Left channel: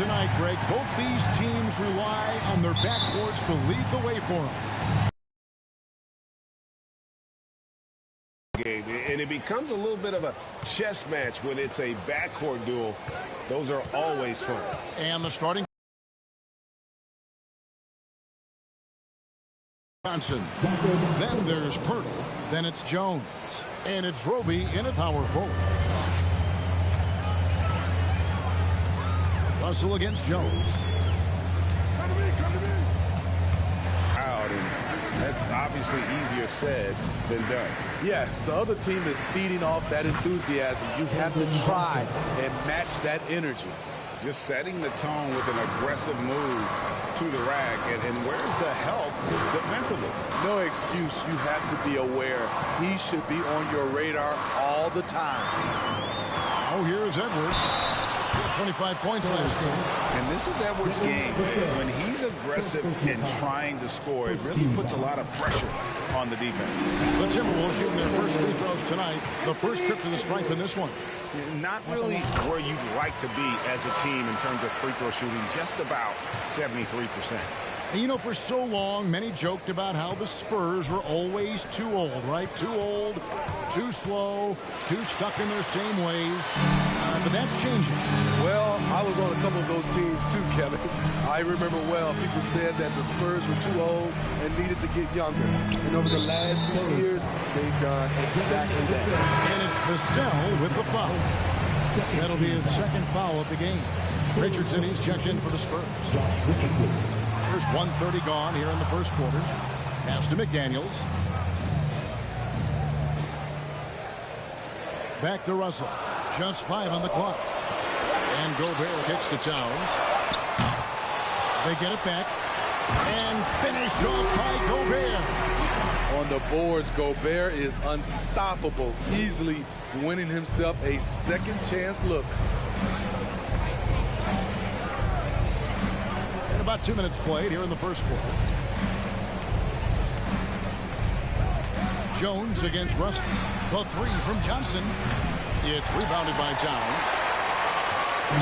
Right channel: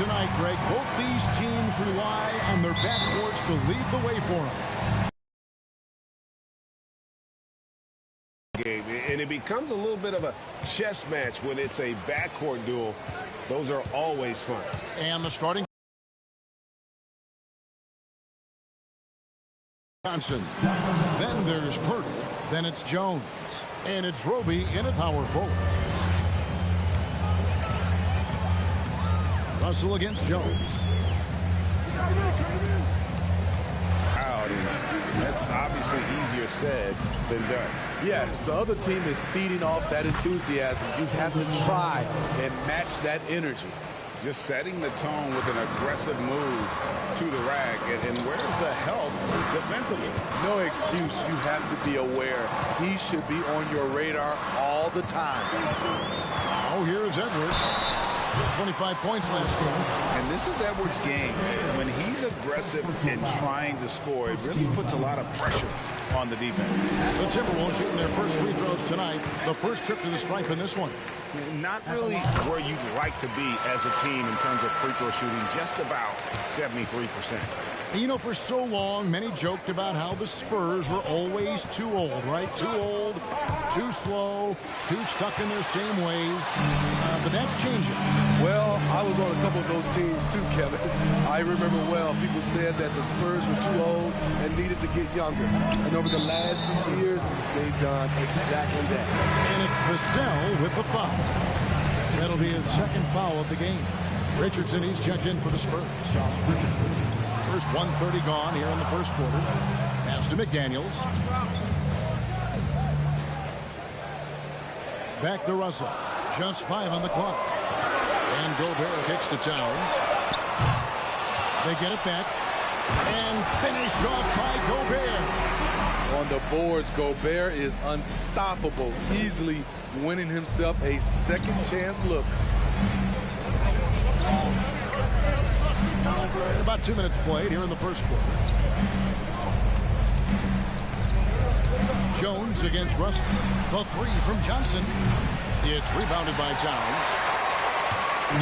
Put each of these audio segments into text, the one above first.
tonight, Greg. Both these teams rely on their backcourts to lead the way for them. Game, and it becomes a little bit of a chess match when it's a backcourt duel. Those are always fun. And the starting Johnson. Then there's Pirtle. Then it's Jones. And it's Roby in a power forward. Russell against Jones. Come in. Out, and that's obviously easier said than done. Yes, the other team is feeding off that enthusiasm. You have to try and match that energy. Just setting the tone with an aggressive move to the rack. And where's the help defensively? No excuse. You have to be aware. He should be on your radar all the time. Oh, here's Edwards. He had 25 points last game. And this is Edwards' game. When he's aggressive and trying to score, it really puts a lot of pressure on the defense. The Timberwolves shooting their first free throws tonight. The first trip to the stripe in this one. Not really where you'd like to be as a team in terms of free throw shooting, just about 73%. And you know, for so long, many joked about how the Spurs were always too old, right? Too old, too slow, too stuck in their same ways. But that's changing. Well, I was on a couple of those teams too, Kevin. I remember well, people said that the Spurs were too old and needed to get younger. And over the last 2 years, they've done exactly that. And it's Vassell with the foul. That'll be his second foul of the game. Richardson, he's checked in for the Spurs. First 1:30 gone here in the first quarter. Pass to McDaniels. Back to Russell. Just 5 on the clock. And Gobert kicks to Towns. They get it back. And finished off by Gobert. On the boards, Gobert is unstoppable, easily winning himself a second chance look. And about 2 minutes played here in the first quarter. Jones against Russell. The three from Johnson. It's rebounded by Towns.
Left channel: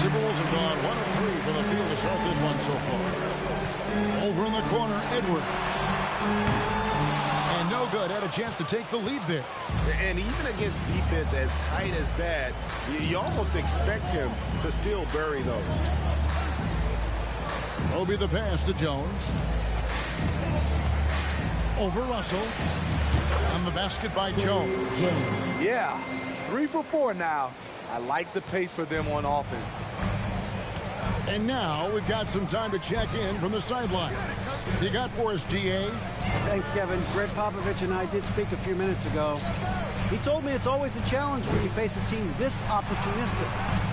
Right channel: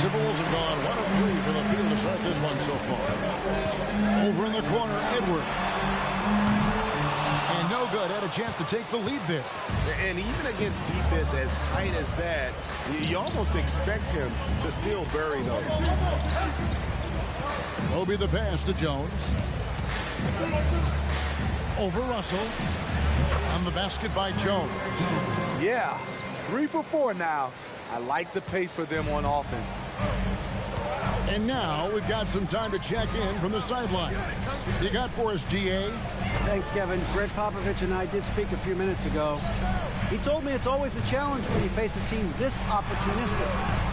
Timberwolves have gone 1 of 3 from the field to start this one so far. Over in the corner, Edwards. And no good. Had a chance to take the lead there. And even against defense as tight as that, you almost expect him to still bury those. Roby the pass to Jones. Over Russell. On the basket by Jones. Yeah, 3 for 4 now. I like the pace for them on offense. And now we've got some time to check in from the sidelines. You got for us, D.A.? Thanks, Kevin. Greg Popovich and I did speak a few minutes ago. He told me it's always a challenge when you face a team this opportunistic.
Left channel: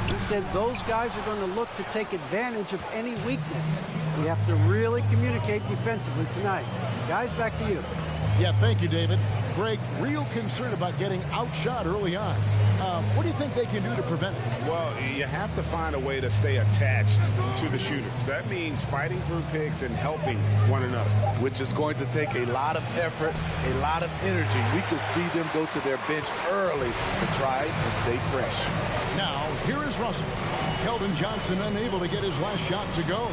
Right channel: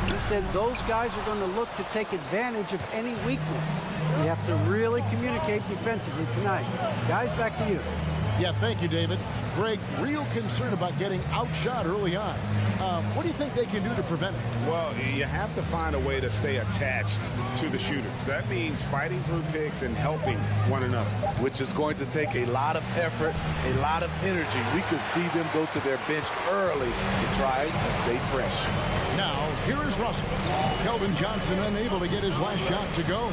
He said those guys are going to look to take advantage of any weakness. We have to really communicate defensively tonight. Guys, back to you. Yeah, thank you, David. Greg, real concern about getting outshot early on. What do you think they can do to prevent it? Well, you have to find a way to stay attached to the shooters. That means fighting through picks and helping one another. Which is going to take a lot of effort, a lot of energy. We could see them go to their bench early to try and stay fresh. Now, here is Russell. Keldon Johnson unable to get his last shot to go.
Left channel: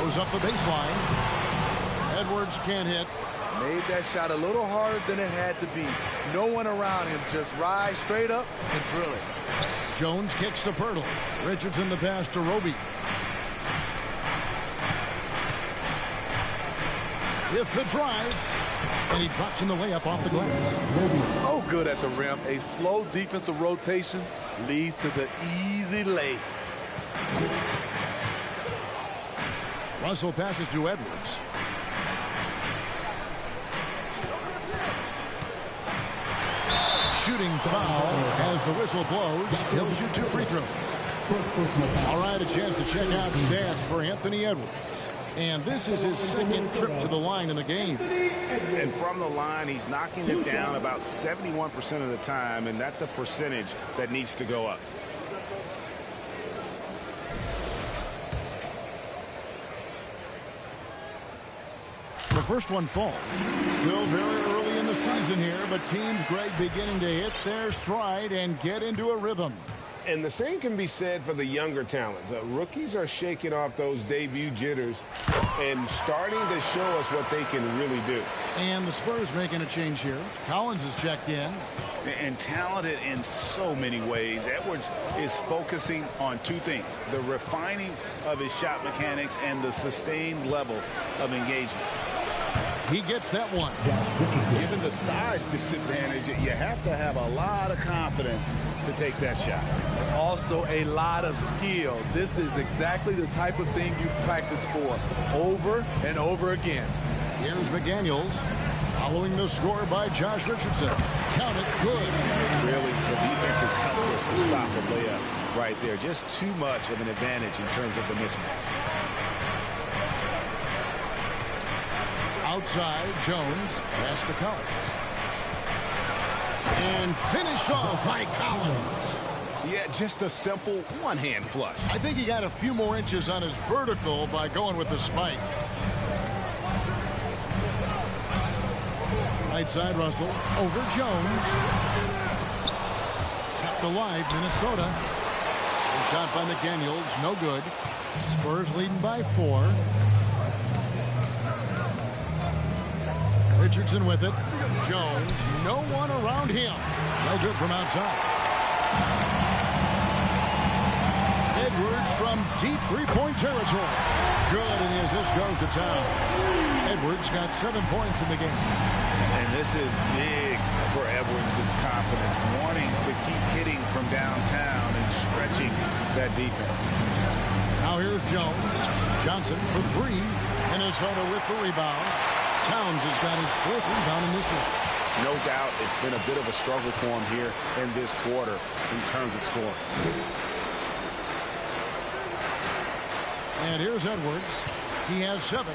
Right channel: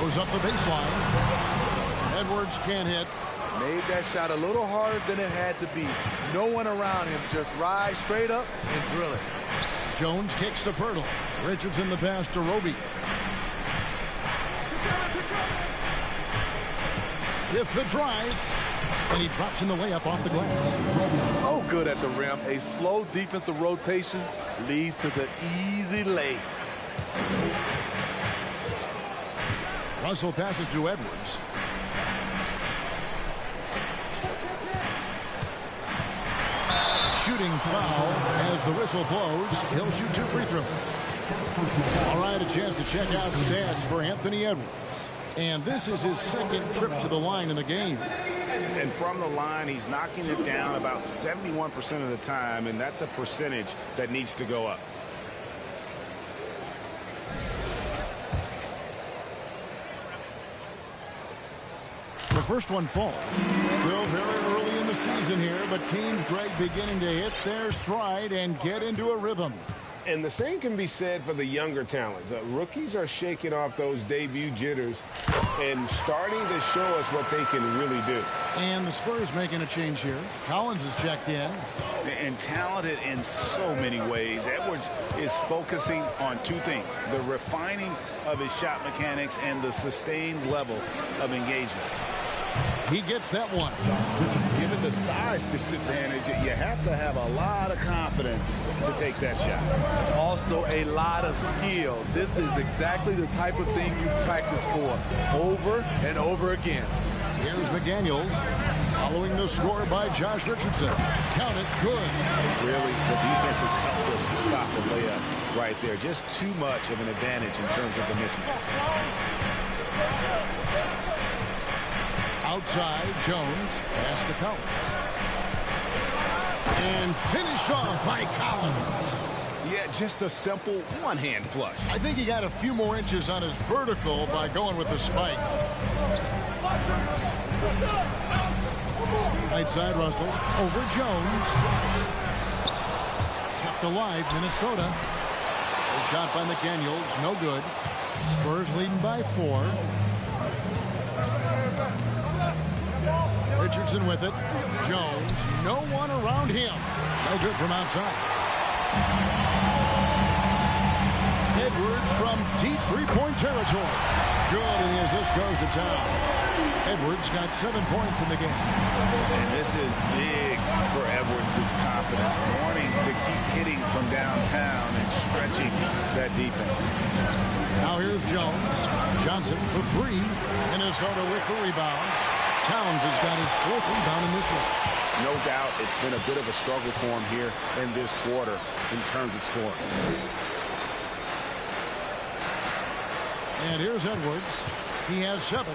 Goes up the baseline. Edwards can't hit. Made that shot a little harder than it had to be. No one around him. Just rise straight up and drill it. Jones kicks to Pirtle. Richardson the pass to Roby. With the drive. And he drops in the layup off the glass. So good at the rim. A slow defensive rotation leads to the easy lay. Russell passes to Edwards. Shooting foul as the whistle blows. He'll shoot 2 free throws. All right, a chance to check out stats for Anthony Edwards. And this is his second trip to the line in the game. And from the line, he's knocking it down about 71% of the time, and that's a percentage that needs to go up. The first one falls. Still very early in the season here, but teams, Greg, beginning to hit their stride and get into a rhythm. And the same can be said for the younger talents. Rookies are shaking off those debut jitters and starting to show us what they can really do. And the Spurs making a change here. Collins is checked in. And talented in so many ways. Edwards is focusing on two things: the refining of his shot mechanics and the sustained level of engagement. He gets that one. Given the size disadvantage, you have to have a lot of confidence to take that shot. Also a lot of skill. This is exactly the type of thing you practice for over and over again. Here's McDaniels following the score by Josh Richardson. Count it, good. Really, the defense is helpless to stop a layup right there. Just too much of an advantage in terms of the mismatch. Outside, Jones pass to Collins. And finished off by Collins. Yeah, just a simple one-hand flush. I think he got a few more inches on his vertical by going with the spike. Right side, Russell. Over Jones. Kept alive, Minnesota. A shot by McDaniels, no good. Spurs leading by 4. Richardson with it. Jones, no one around him. No good from outside. Edwards from deep three-point territory. Good, and the assist goes to Towns. Edwards got 7 points in the game. And this is big for Edwards' confidence, wanting to keep hitting from downtown and stretching that defense. Now here's Jones. Johnson for 3. Minnesota with the rebound. Towns has got his 4th rebound in this one. No doubt it's been a bit of a struggle for him here in this quarter in terms of scoring. And here's Edwards. He has 7.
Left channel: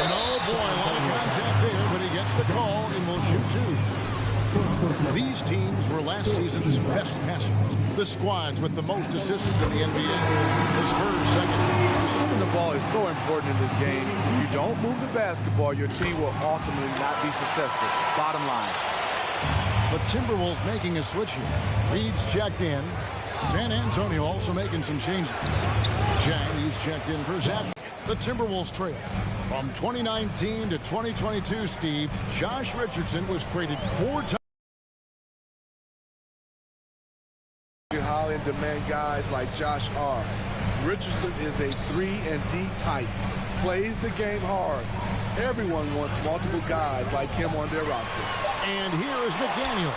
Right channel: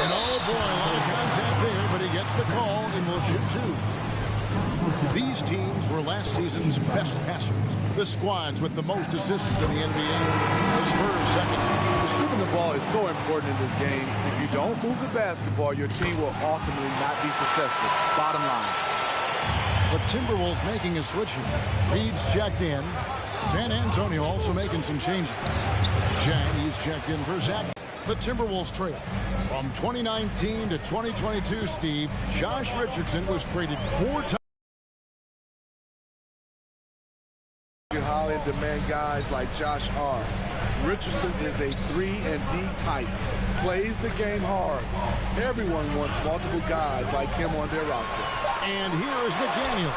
And oh boy, a lot of contact there, but he gets the call and will shoot 2. These teams were last season's best passers. The squads with the most assists in the NBA. The Spurs second. Stripping the ball is so important in this game. If you don't move the basketball, your team will ultimately not be successful. Bottom line. The Timberwolves making a switch here. Reed's checked in. San Antonio also making some changes. Chang, he's checked in for Zach. The Timberwolves trail. From 2019 to 2022, Steve, Josh Richardson was traded 4 times. How in demand guys like Josh are. Richardson is a 3-and-D type. Plays the game hard. Everyone wants multiple guys like him on their roster. And here is McDaniels.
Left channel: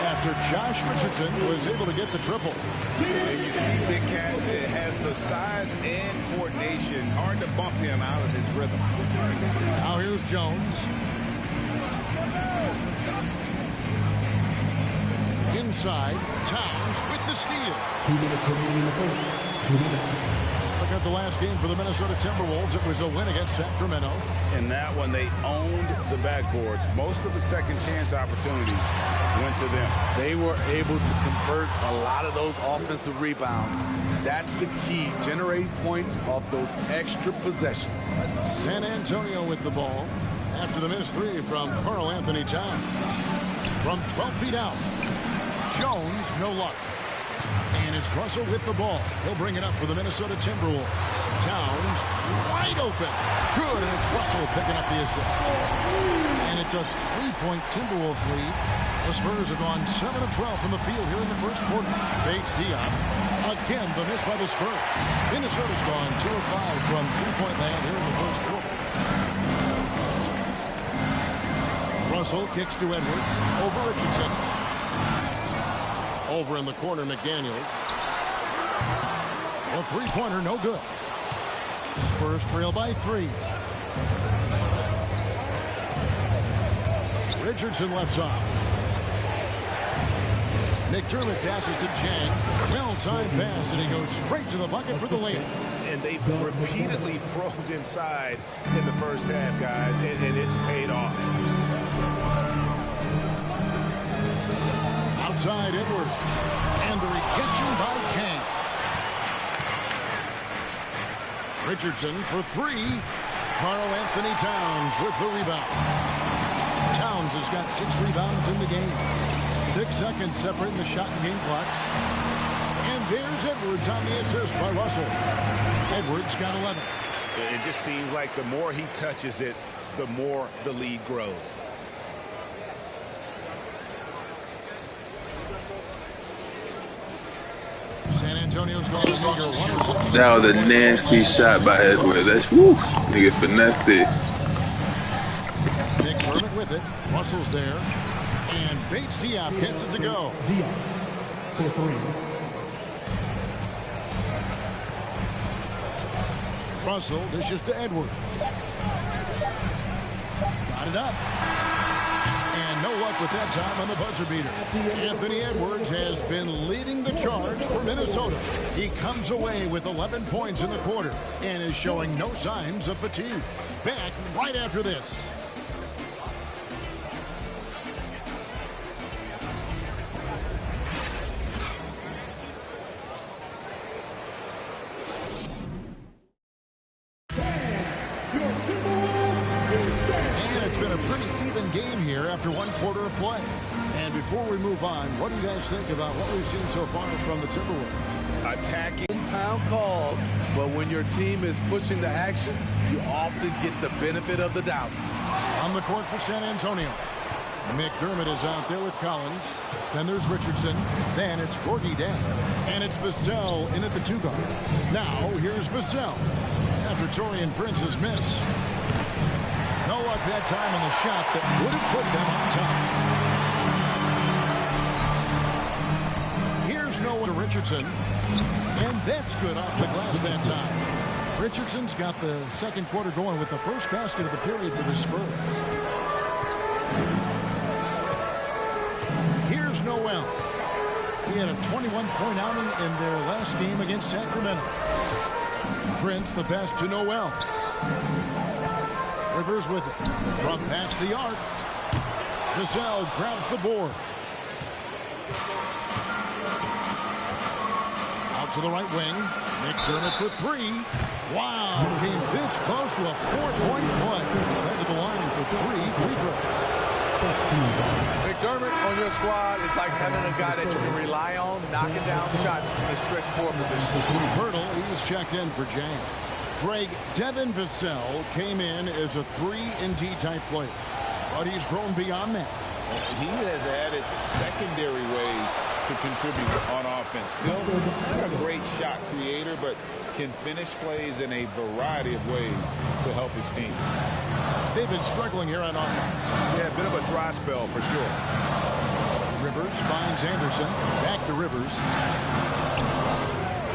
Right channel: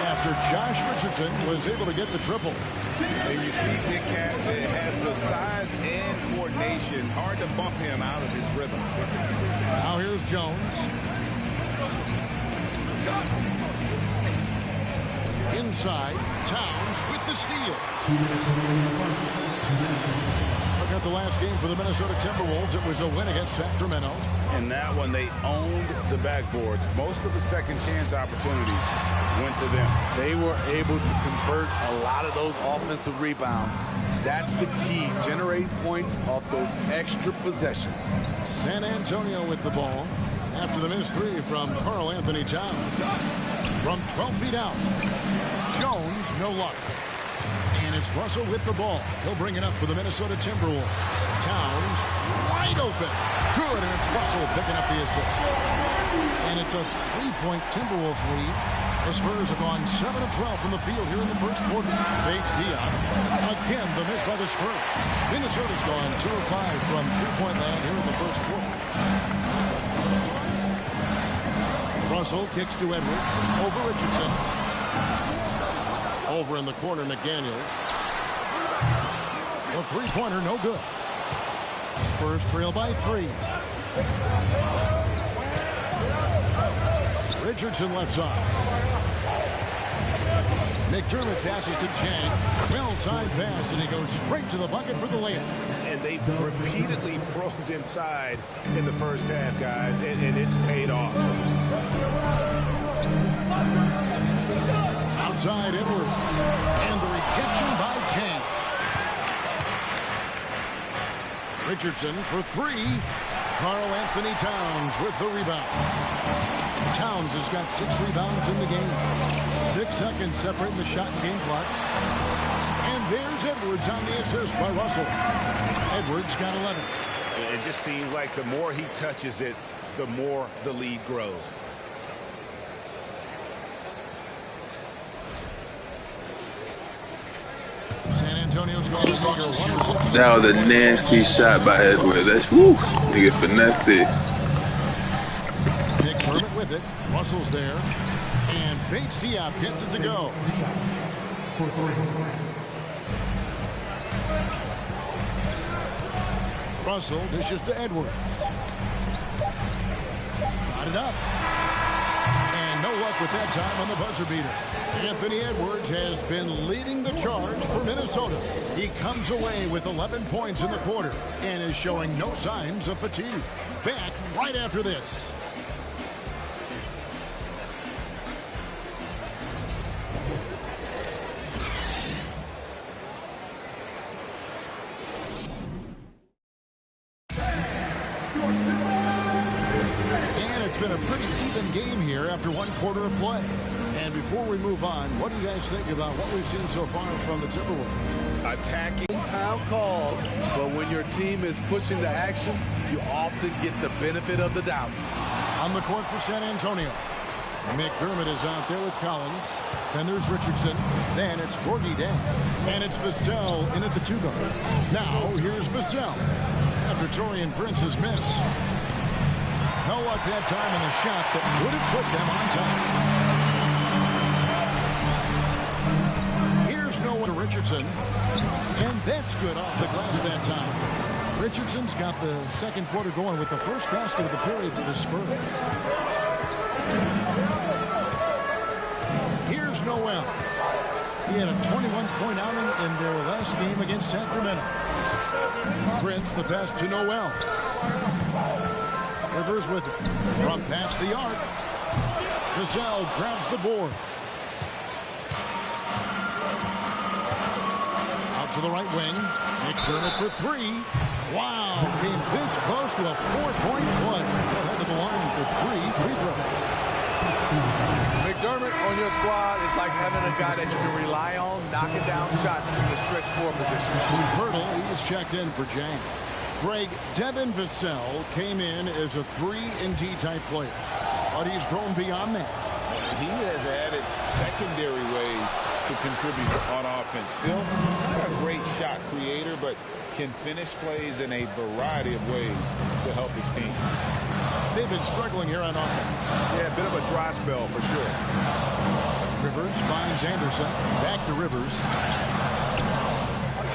After Josh Richardson was able to get the triple. And you see Big Cat has the size and coordination. Hard to bump him out of his rhythm. Now here's Jones. Inside, Towns with the steal. 2 minutes remaining in the first. 2 minutes. Looking at the last game for the Minnesota Timberwolves, it was a win against Sacramento. In that one, they owned the backboards. Most of the second chance opportunities went to them. They were able to convert a lot of those offensive rebounds. That's the key, generating points off those extra possessions. San Antonio with the ball after the missed 3 from Karl Anthony Towns. From 12 feet out, Jones, no luck. And it's Russell with the ball. He'll bring it up for the Minnesota Timberwolves. Towns wide open. Good, and it's Russell picking up the assist. And it's a 3-point Timberwolves lead. The Spurs have gone 7 of 12 from the field here in the first quarter. Bates Diop. Again, the miss by the Spurs. Minnesota's gone 2 of 5 from three-point land here in the first quarter. Russell kicks to Edwards. Over Richardson. Over in the corner, McDaniels. A three-pointer, no good. Spurs trail by 3. Richardson left side. McDermott passes to Chang. Well-timed pass, and he goes straight to the bucket for the layup. And they've repeatedly probed inside in the first half, guys, and it's paid off. Outside Edwards. And the rejection by Chang. Richardson for 3. Karl Anthony Towns with the rebound. Towns has got 6 rebounds in the game. 6 seconds separating the shot and game clocks. And there's Edwards on the assist by Russell. Edwards got 11. It just seems like the more he touches it, the more the lead grows. San Antonio's going to figure 106. That was a nasty shot by Edwards. That's woo. Nigga finessed it. McDermott with it. Russell's there. And Bates Diop hits it to go. For 3. Russell dishes to Edwards. Got it up. And no luck with that time on the buzzer beater. Anthony Edwards has been leading the charge for Minnesota. He comes away with 11 points in the quarter and is showing no signs of fatigue. Back right after this. It's been a pretty even game here after 1 quarter of play. And before we move on, what do you guys think about what we've seen so far from the Timberwolves? Attacking town calls, but when your team is pushing the action, you often get the benefit of the doubt. On the court for San Antonio, McDermott is out there with Collins. Then there's Richardson. Then it's Gorgie Dan. And it's Vassell in at the 2 guard. Now here's Vassell after Taurean Prince's miss. No luck that time on the shot that would have put them on top. Here's no to Richardson. And that's good off the glass that time. Richardson's got the second quarter going with the first basket of the period for the Spurs. Here's Noel. He had a 21-point outing in their last game against Sacramento. Prince the pass to Noel. Rivers with it. From past the arc. Vassell grabs the board. Out to the right wing. McDermott for 3. Wow, came this close to a 4-point play. He'll head to the line for 3 free throws. McDermott on your squad is like having a guy that you can rely on knocking down shots from the stretch 4 position. Pirtle, he's checked in for Jang. Greg, Devin Vassell came in as a 3-and-D type player, but he's grown beyond that. He has added secondary ways to contribute on offense. Still not a great shot creator, but can finish plays in a variety of ways to help his team. They've been struggling here on offense. Yeah, a bit of a dry spell for sure. Rivers finds Anderson. Back to Rivers.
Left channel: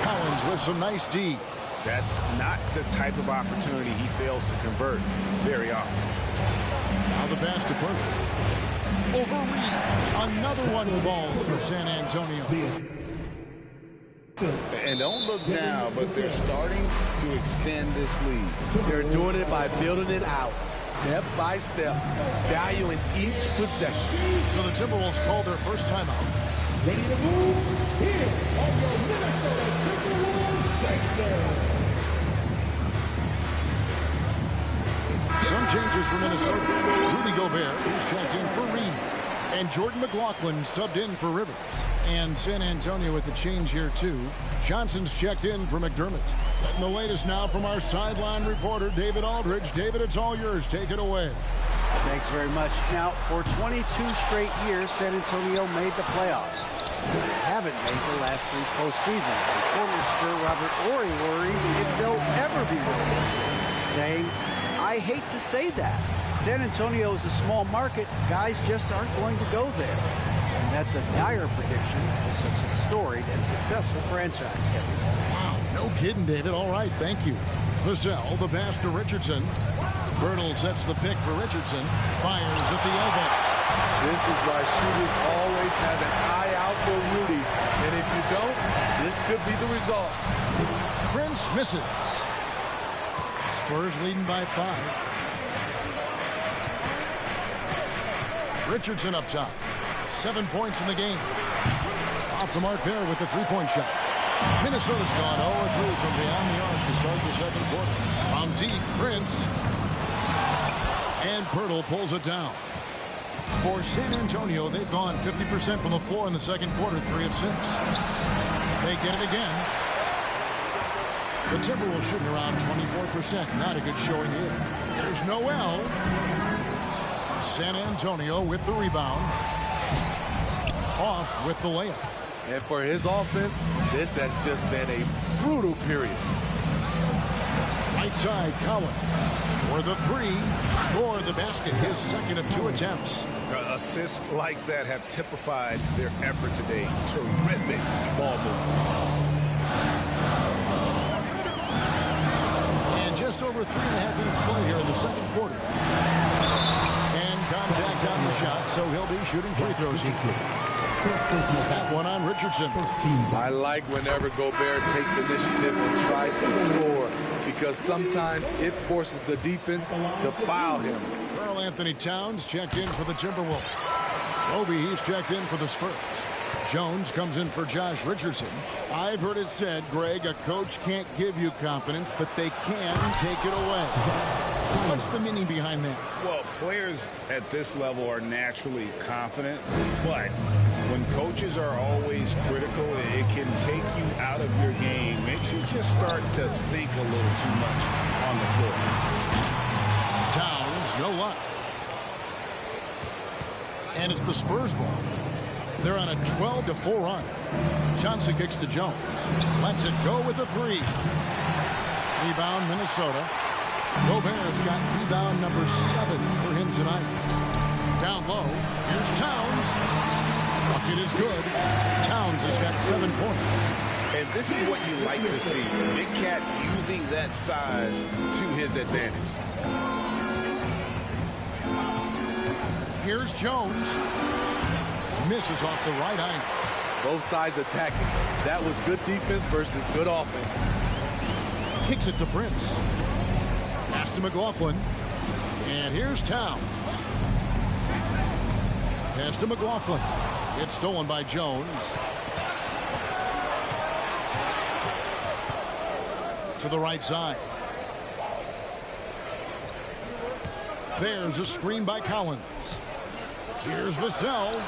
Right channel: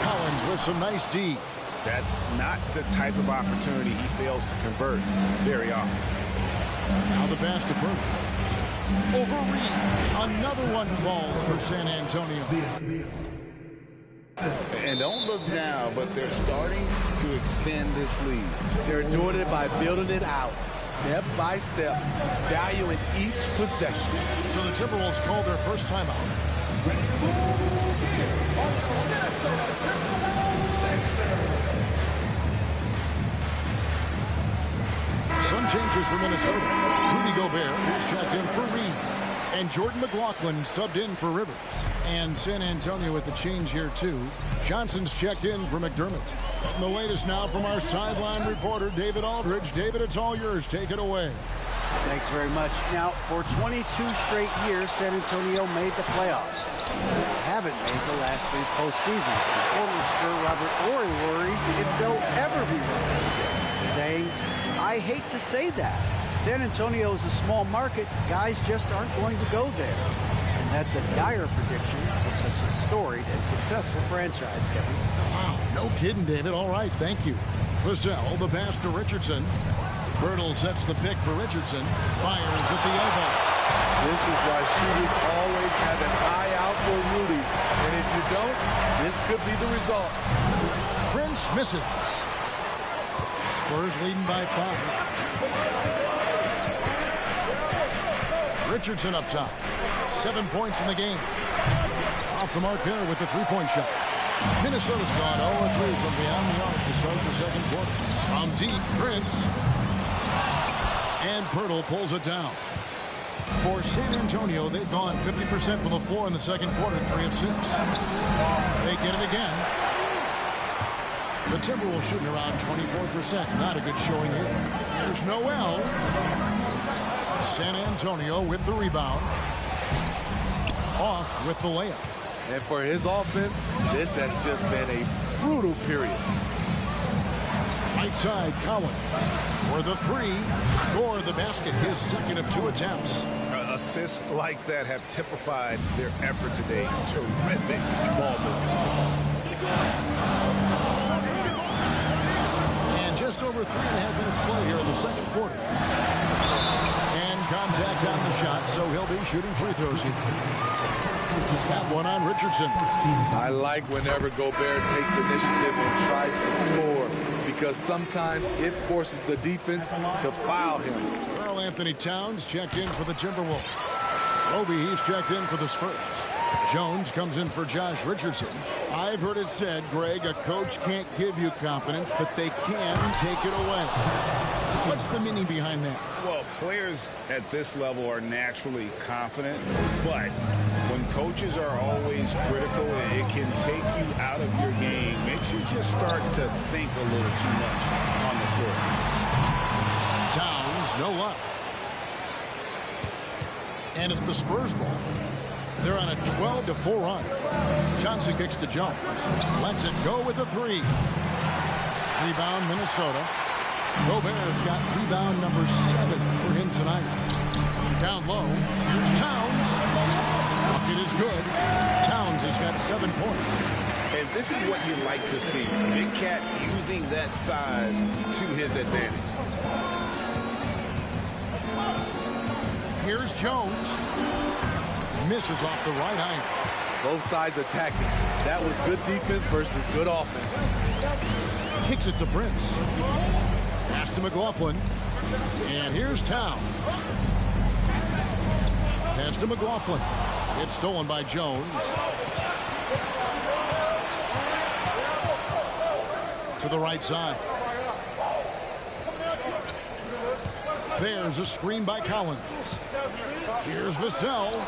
Collins with some nice D. That's not the type of opportunity he fails to convert very often. Now the pass to Purdy. Over Reed. Another one falls for San Antonio. And don't look now, but they're starting to extend this lead. They're doing it by building it out, step by step, valuing each possession. So the Timberwolves call their first timeout. Ready to move? Here on your Minnesota Timberwolves section. Some changes for Minnesota. Rudy Gobert is checked in for Reed. And Jordan McLaughlin subbed in for Rivers. And San Antonio with the change here, too. Johnson's checked in for McDermott. Getting the latest now from our sideline reporter, David Aldridge. David, it's all yours. Take it away. Thanks very much. Now, for 22 straight years, San Antonio made the playoffs. They haven't made the last 3 postseasons. And former Spur Robert Ory worries if they'll ever be relegated, saying, I hate to say that. San Antonio is a small market. Guys just aren't going to go there. And that's a dire prediction for such a storied and successful franchise, Kevin. Wow, no kidding, David. All right, thank you. Vassell, the pass to Richardson. Birtle sets the pick for Richardson. Fires at the elbow. This is why shooters always have an eye out for Rudy. And if you don't, this could be the result. Prince misses. Spurs leading by 5. Richardson up top. 7 points in the game. Off the mark there with the 3-point shot. Minnesota's gone 0-3 from beyond the arc to start the second quarter. From deep, Prince. And Pirtle pulls it down. For San Antonio, they've gone 50% from the floor in the second quarter, 3 of 6. They get it again. The Timberwolves shooting around 24%. Not a good showing here. Here's Noel. San Antonio with the rebound. Off with the layup. And for his offense, this has just been a brutal period. Right side, Collins. For the 3. Score the basket. His second of 2 attempts. Assists like that have typified their effort today. Terrific ball movement. And just over 3.5 minutes play here in the second quarter. And contact on the shot, so he'll be shooting free throws here. That one on Richardson. I like whenever Gobert takes initiative and tries to score, because sometimes it forces the defense to foul him. Karl Anthony Towns checked in for the Timberwolves. Roby, he's checked in for the Spurs. Jones comes in for Josh Richardson. I've heard it said, Greg, a coach can't give you confidence, but they can take it away. What's the meaning behind that? Well, players at this level are naturally confident, but when coaches are always critical, it can take you out of your game. Makes you just start to think a little too much on the floor. Towns, no luck. And it's the Spurs ball. They're on a 12-4 run. Johnson kicks to Jones. Lets it go with a 3. Rebound, Minnesota. Gobert's got rebound number 7 for him tonight. Down low, here's Towns. Bucket is good. Towns has got 7 points. And this is what you like to see. Big Cat using that size to his advantage. Here's Jones. Misses off the right eye. Both sides attacking. That was good defense versus good offense. Kicks it to Prince. Pass to McLaughlin. And here's Towns. Pass to McLaughlin. It's stolen by Jones. To the right side. There's a screen by Collins. Here's Vassell.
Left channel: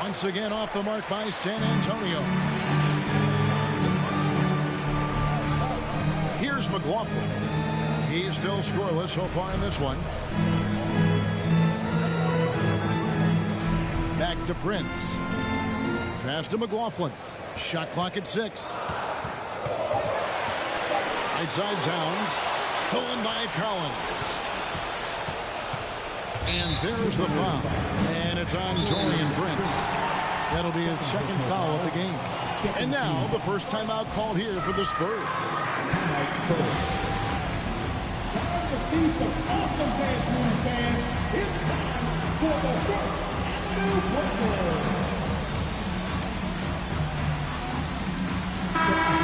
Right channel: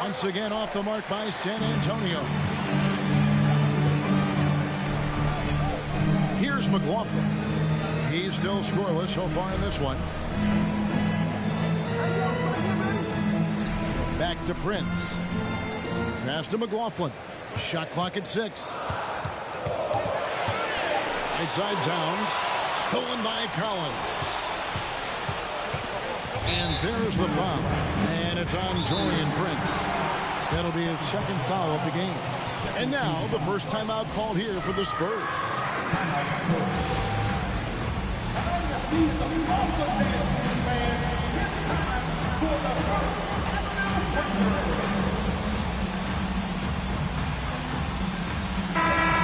Once again off the mark by San Antonio. Here's McLaughlin. He's still scoreless so far in this one. Back to Prince. Pass to McLaughlin. Shot clock at 6. Right side Towns. Stolen by Collins. And there's the foul. And it's on Taurean Prince. That'll be his second foul of the game. And now the first timeout called here for the Spurs. See some awesome dance, fans. It's time for the First Avenue Warriors.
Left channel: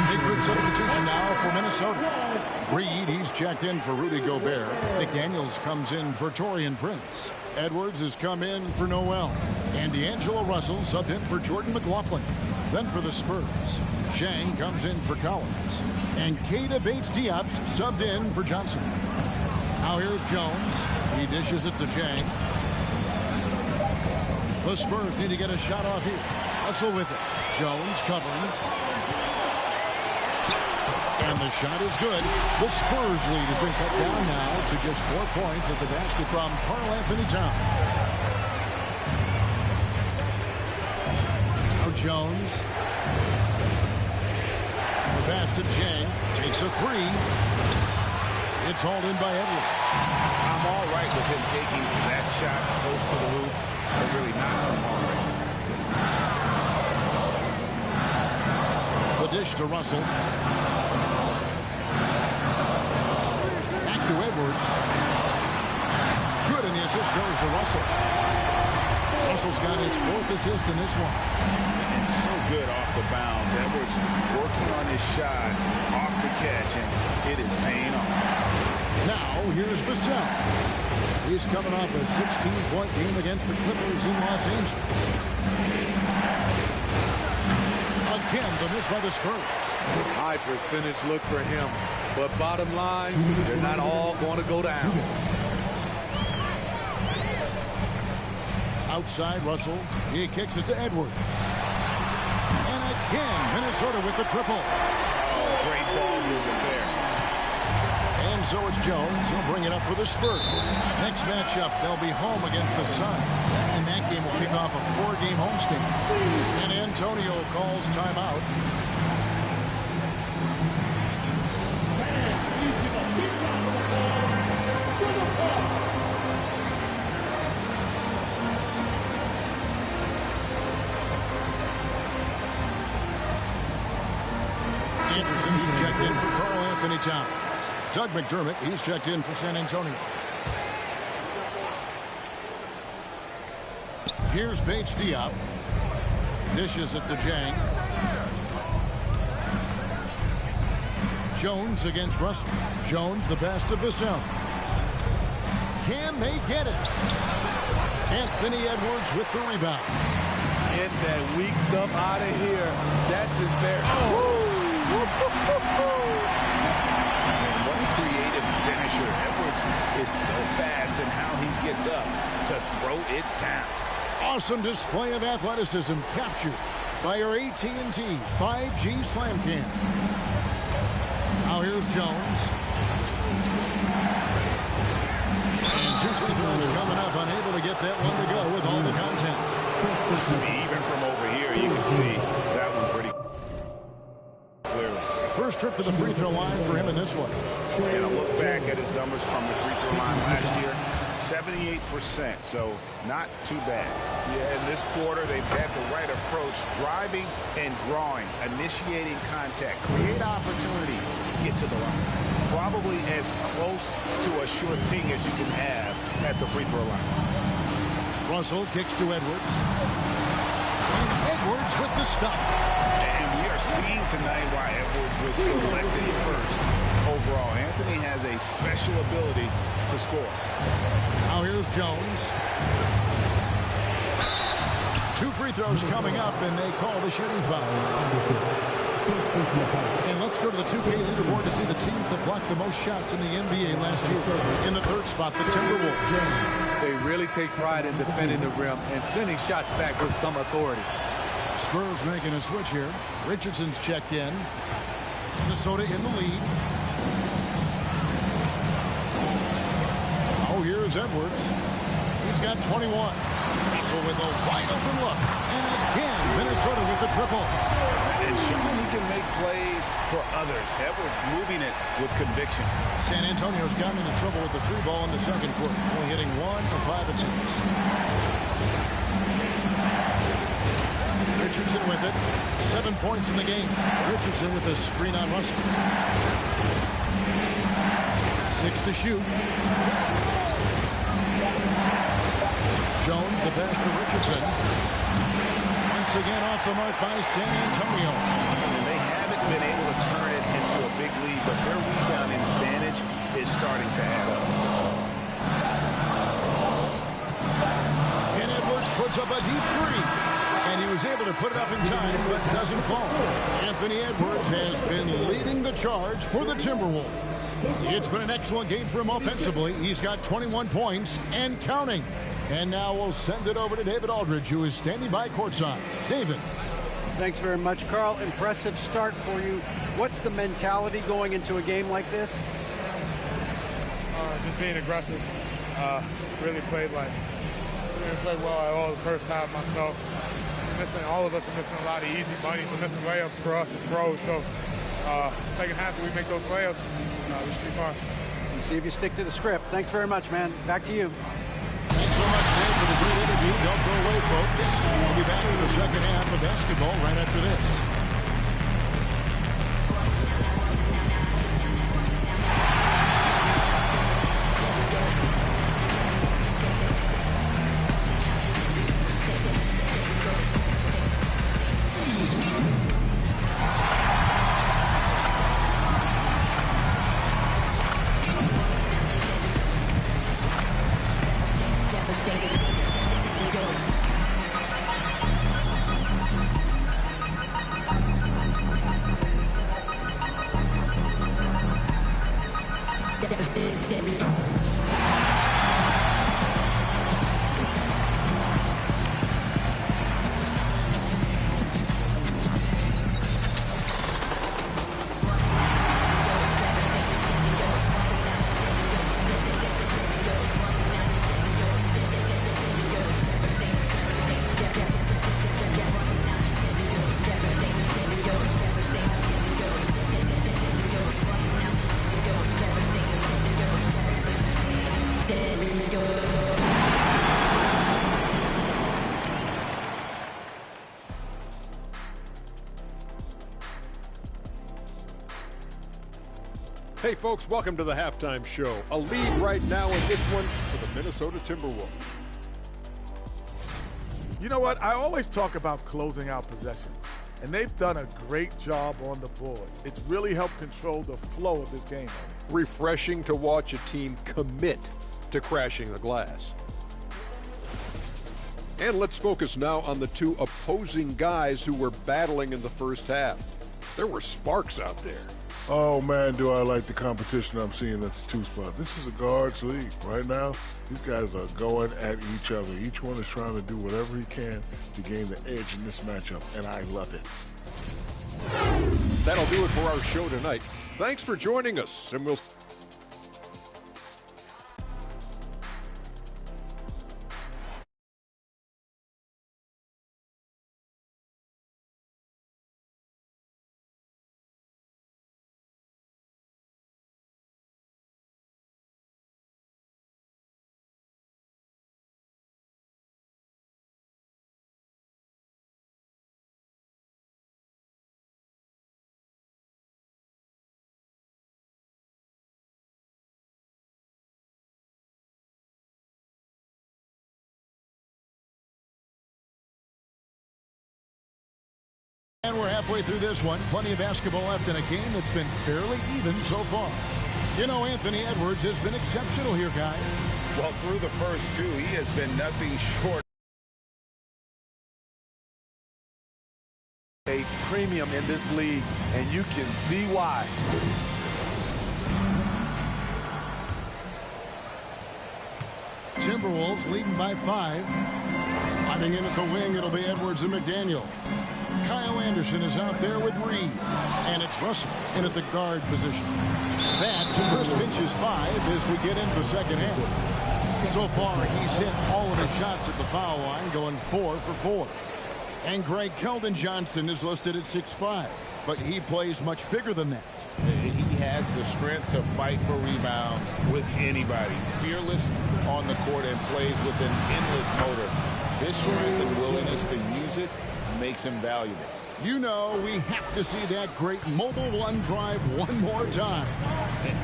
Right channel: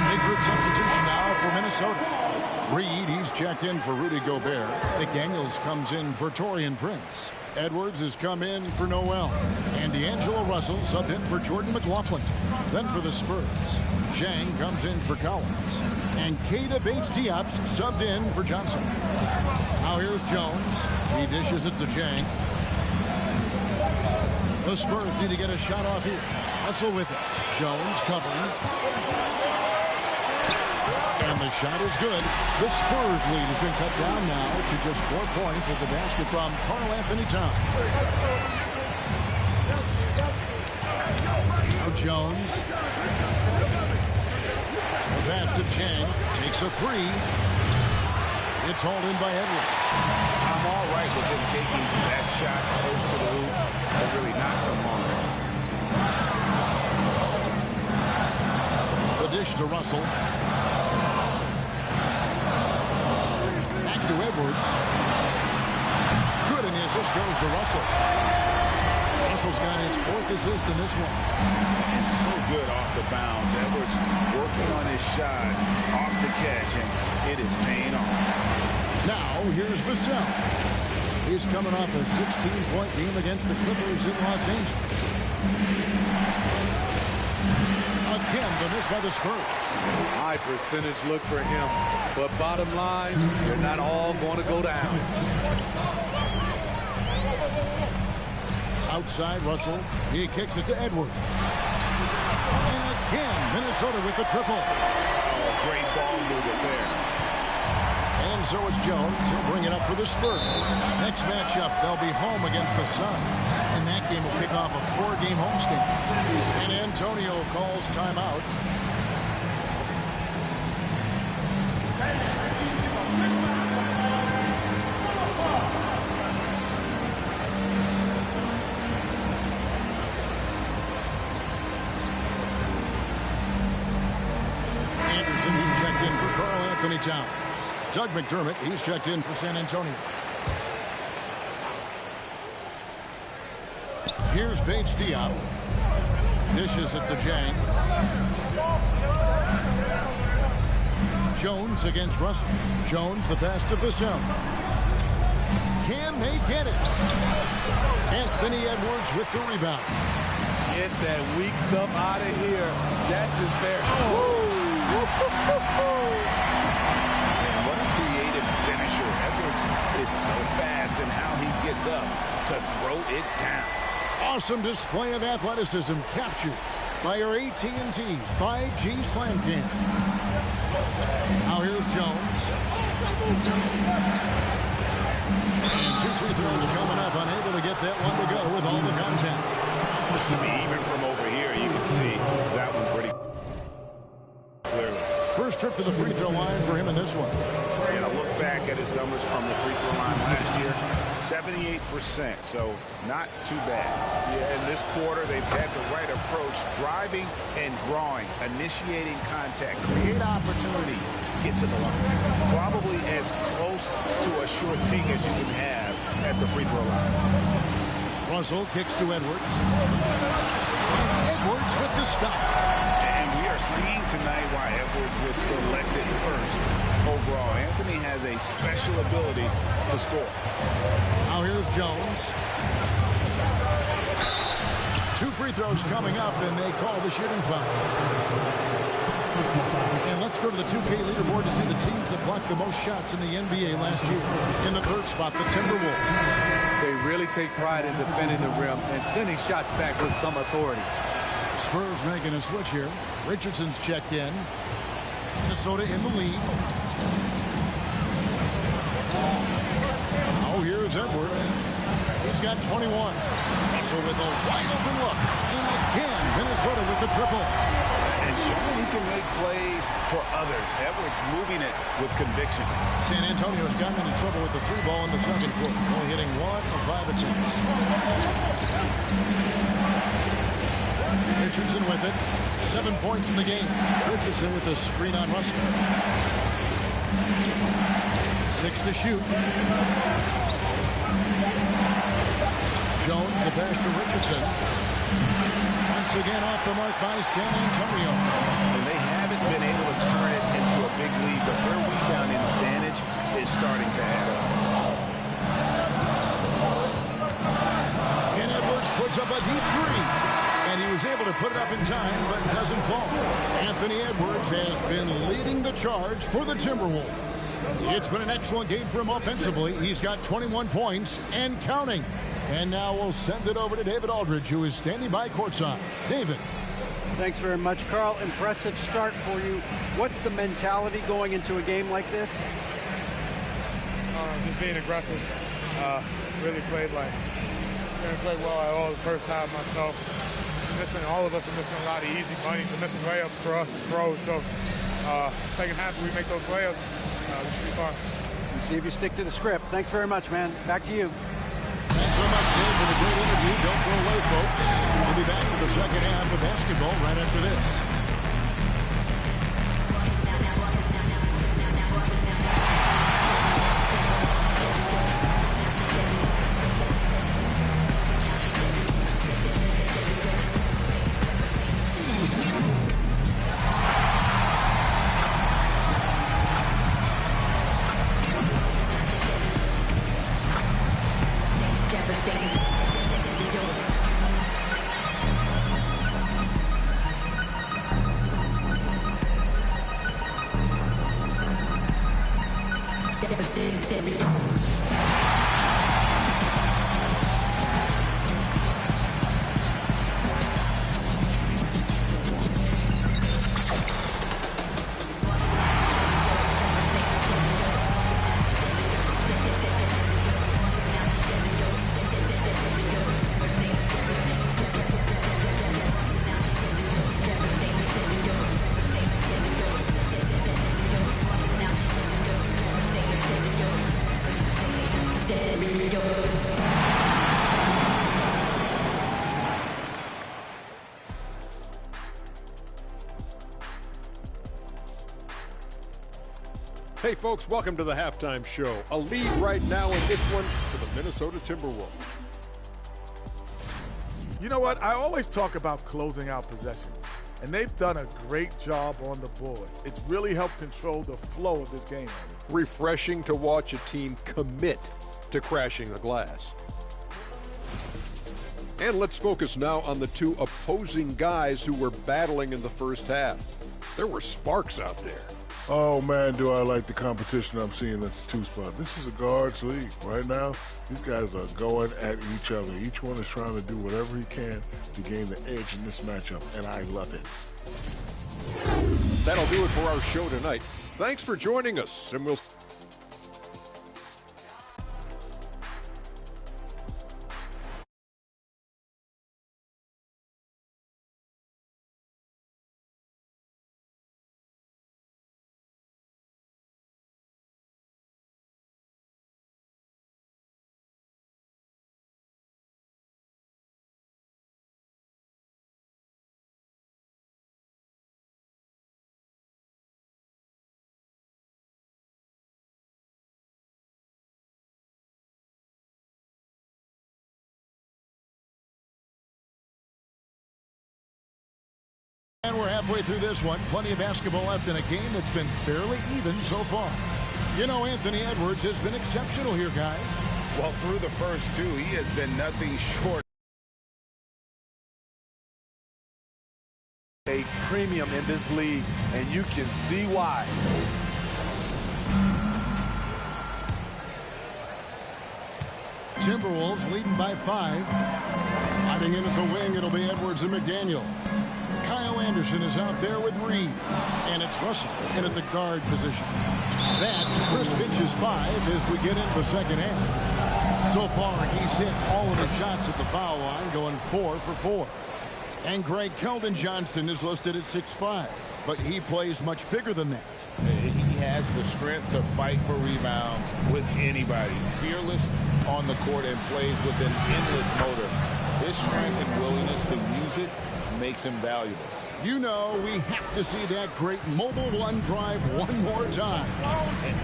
Big group substitution now for Minnesota. Reed, he's checked in for Rudy Gobert. McDaniels comes in for Taurean Prince. Edwards has come in for Noel. And D'Angelo Russell subbed in for Jordan McLaughlin. Then for the Spurs, Zhang comes in for Collins. And Keita Bates-Diop subbed in for Johnson. Now here's Jones. He dishes it to Zhang. The Spurs need to get a shot off here. Russell with it. Jones covering. And the shot is good. The Spurs lead has been cut down now to just 4 points at the basket from Karl Anthony Towns. Now Jones. The pass to Zhang. Takes a 3. It's hauled in by Edwards. I'm all right with him taking that shot close to the hoop, but really not from long range. The dish to Russell. Back to Edwards. Good, and the assist goes to Russell. Russell's got his 4th assist in this one. And so good off the bounds. Edwards working on his shot off the catch, and it is paying off. Now, here's Vassell. He's coming off a 16-point game against the Clippers in Los Angeles. Again, the miss by the Spurs. High percentage look for him. But bottom line, they're not all going to go down. Outside Russell. He kicks it to Edwards. And again, Minnesota with the triple. Oh, great ball movement there. And so it's Jones. He'll bring it up for the Spurs. Next matchup, they'll be home against the Suns. And that game will kick off a 4-game homestand. San Antonio calls timeout. Anderson, he's checked in for Karl Anthony Towns. Doug McDermott, he's checked in for San Antonio. Here's Bates Diop. Dishes it to Jang. Jones against Russell. Jones, the pass to Vassell. Can they get it? Anthony Edwards with the rebound. Get that weak stuff out of here. That's embarrassing. And what a creative finisher. Edwards is so fast in how he gets up to throw it down. Awesome display of athleticism captured by our AT&T 5G Slam Cam. Now here's Jones. And 2 free throws coming up. Unable to get that one to go with all the contact. Even from over here, you can see that one pretty clearly. First trip to the free throw line for him in this one. And a look back at his numbers from the free throw line last year, 78%, so not too bad. Yeah, in this quarter, they've had the right approach, driving and drawing, initiating contact, create opportunities, get to the line. Probably as close to a sure thing as you can have at the free throw line. Russell kicks to Edwards. And Edwards with the stop. And we are seeing tonight why Edwards was selected first overall. Anthony has a special ability to score. Now here's Jones. 2 free throws coming up, and they call the shooting foul. And let's go to the 2K leaderboard to see the teams that blocked the most shots in the NBA last year. In the third spot, the Timberwolves. They really take pride in defending the rim and sending shots back with some authority. Spurs making a switch here. Richardson's checked in. Minnesota in the lead. Oh, here's Edwards. He's got 21. Russell with a wide open look. And again, Minnesota with the triple. And showing he can make plays for others. Edwards moving it with conviction. San Antonio's gotten into trouble with the 3 ball in the second quarter. Only hitting 1 of 5 attempts. Richardson with it. 7 points in the game. Richardson with the screen on Russell. 6 to shoot. Jones, the pass to Richardson. Once again off the mark by San Antonio. And they haven't been able to turn it into a big lead, but their rebounding advantage is starting to add up. And Edwards puts up a deep 3. And he was able to put it up in time, but doesn't fall. Anthony Edwards has been leading the charge for the Timberwolves. It's been an excellent game for him offensively. He's got 21 points and counting. And now we'll send it over to David Aldridge, who is standing by courtside. David. Thanks very much, Carl. Impressive start for you. What's the mentality going into a game like this? Just being aggressive. Really played well at all the first half myself. All of us are missing a lot of easy bunnies. We're missing layups for us as pros. So second half, if we make those layups, we should be fine. We'll see if you stick to the script. Thanks very much, man. Back to you. Thanks so much, Dave, for the great interview. Don't go away, folks. We'll be back to the second half of basketball right after this. Hey, folks, welcome to the halftime show. A lead right now in this one for the Minnesota Timberwolves. You know what? I always talk about closing out possessions, and they've done a great job on the boards. It's really helped control the flow of this game. Refreshing to watch a team commit to crashing the glass. And let's focus now on the two opposing guys who were battling in the first half. There were sparks out there. Oh, man, do I like the competition I'm seeing at the two spot. This is a guards league. Right now, these guys are going at each other. Each one is trying to do whatever he can to gain the edge in this matchup, and I love it. That'll do it for our show tonight. Thanks for joining us, and we'll... And we're halfway through this one. Plenty of basketball left in a game that's been fairly even so far. You know, Anthony Edwards has been exceptional here, guys. Well, through the first two, he has been nothing short. A premium in this league, and you can see why. Timberwolves leading by 5. Sliding in at the wing, it'll be Edwards and McDaniel. Kyle Anderson is out there with Reed. And it's Russell in at the guard position. That's Chris Finch's 5 as we get into the second half. So far, he's hit all of his shots at the foul line, going 4 for 4. And Greg Keldon-Johnson is listed at 6'5", but he plays much bigger than that. He has the strength to fight for rebounds with anybody. Fearless on the court and plays with an endless motor. His strength and willingness to use it makes him valuable. You know, we have to see that great mobile one drive one more time.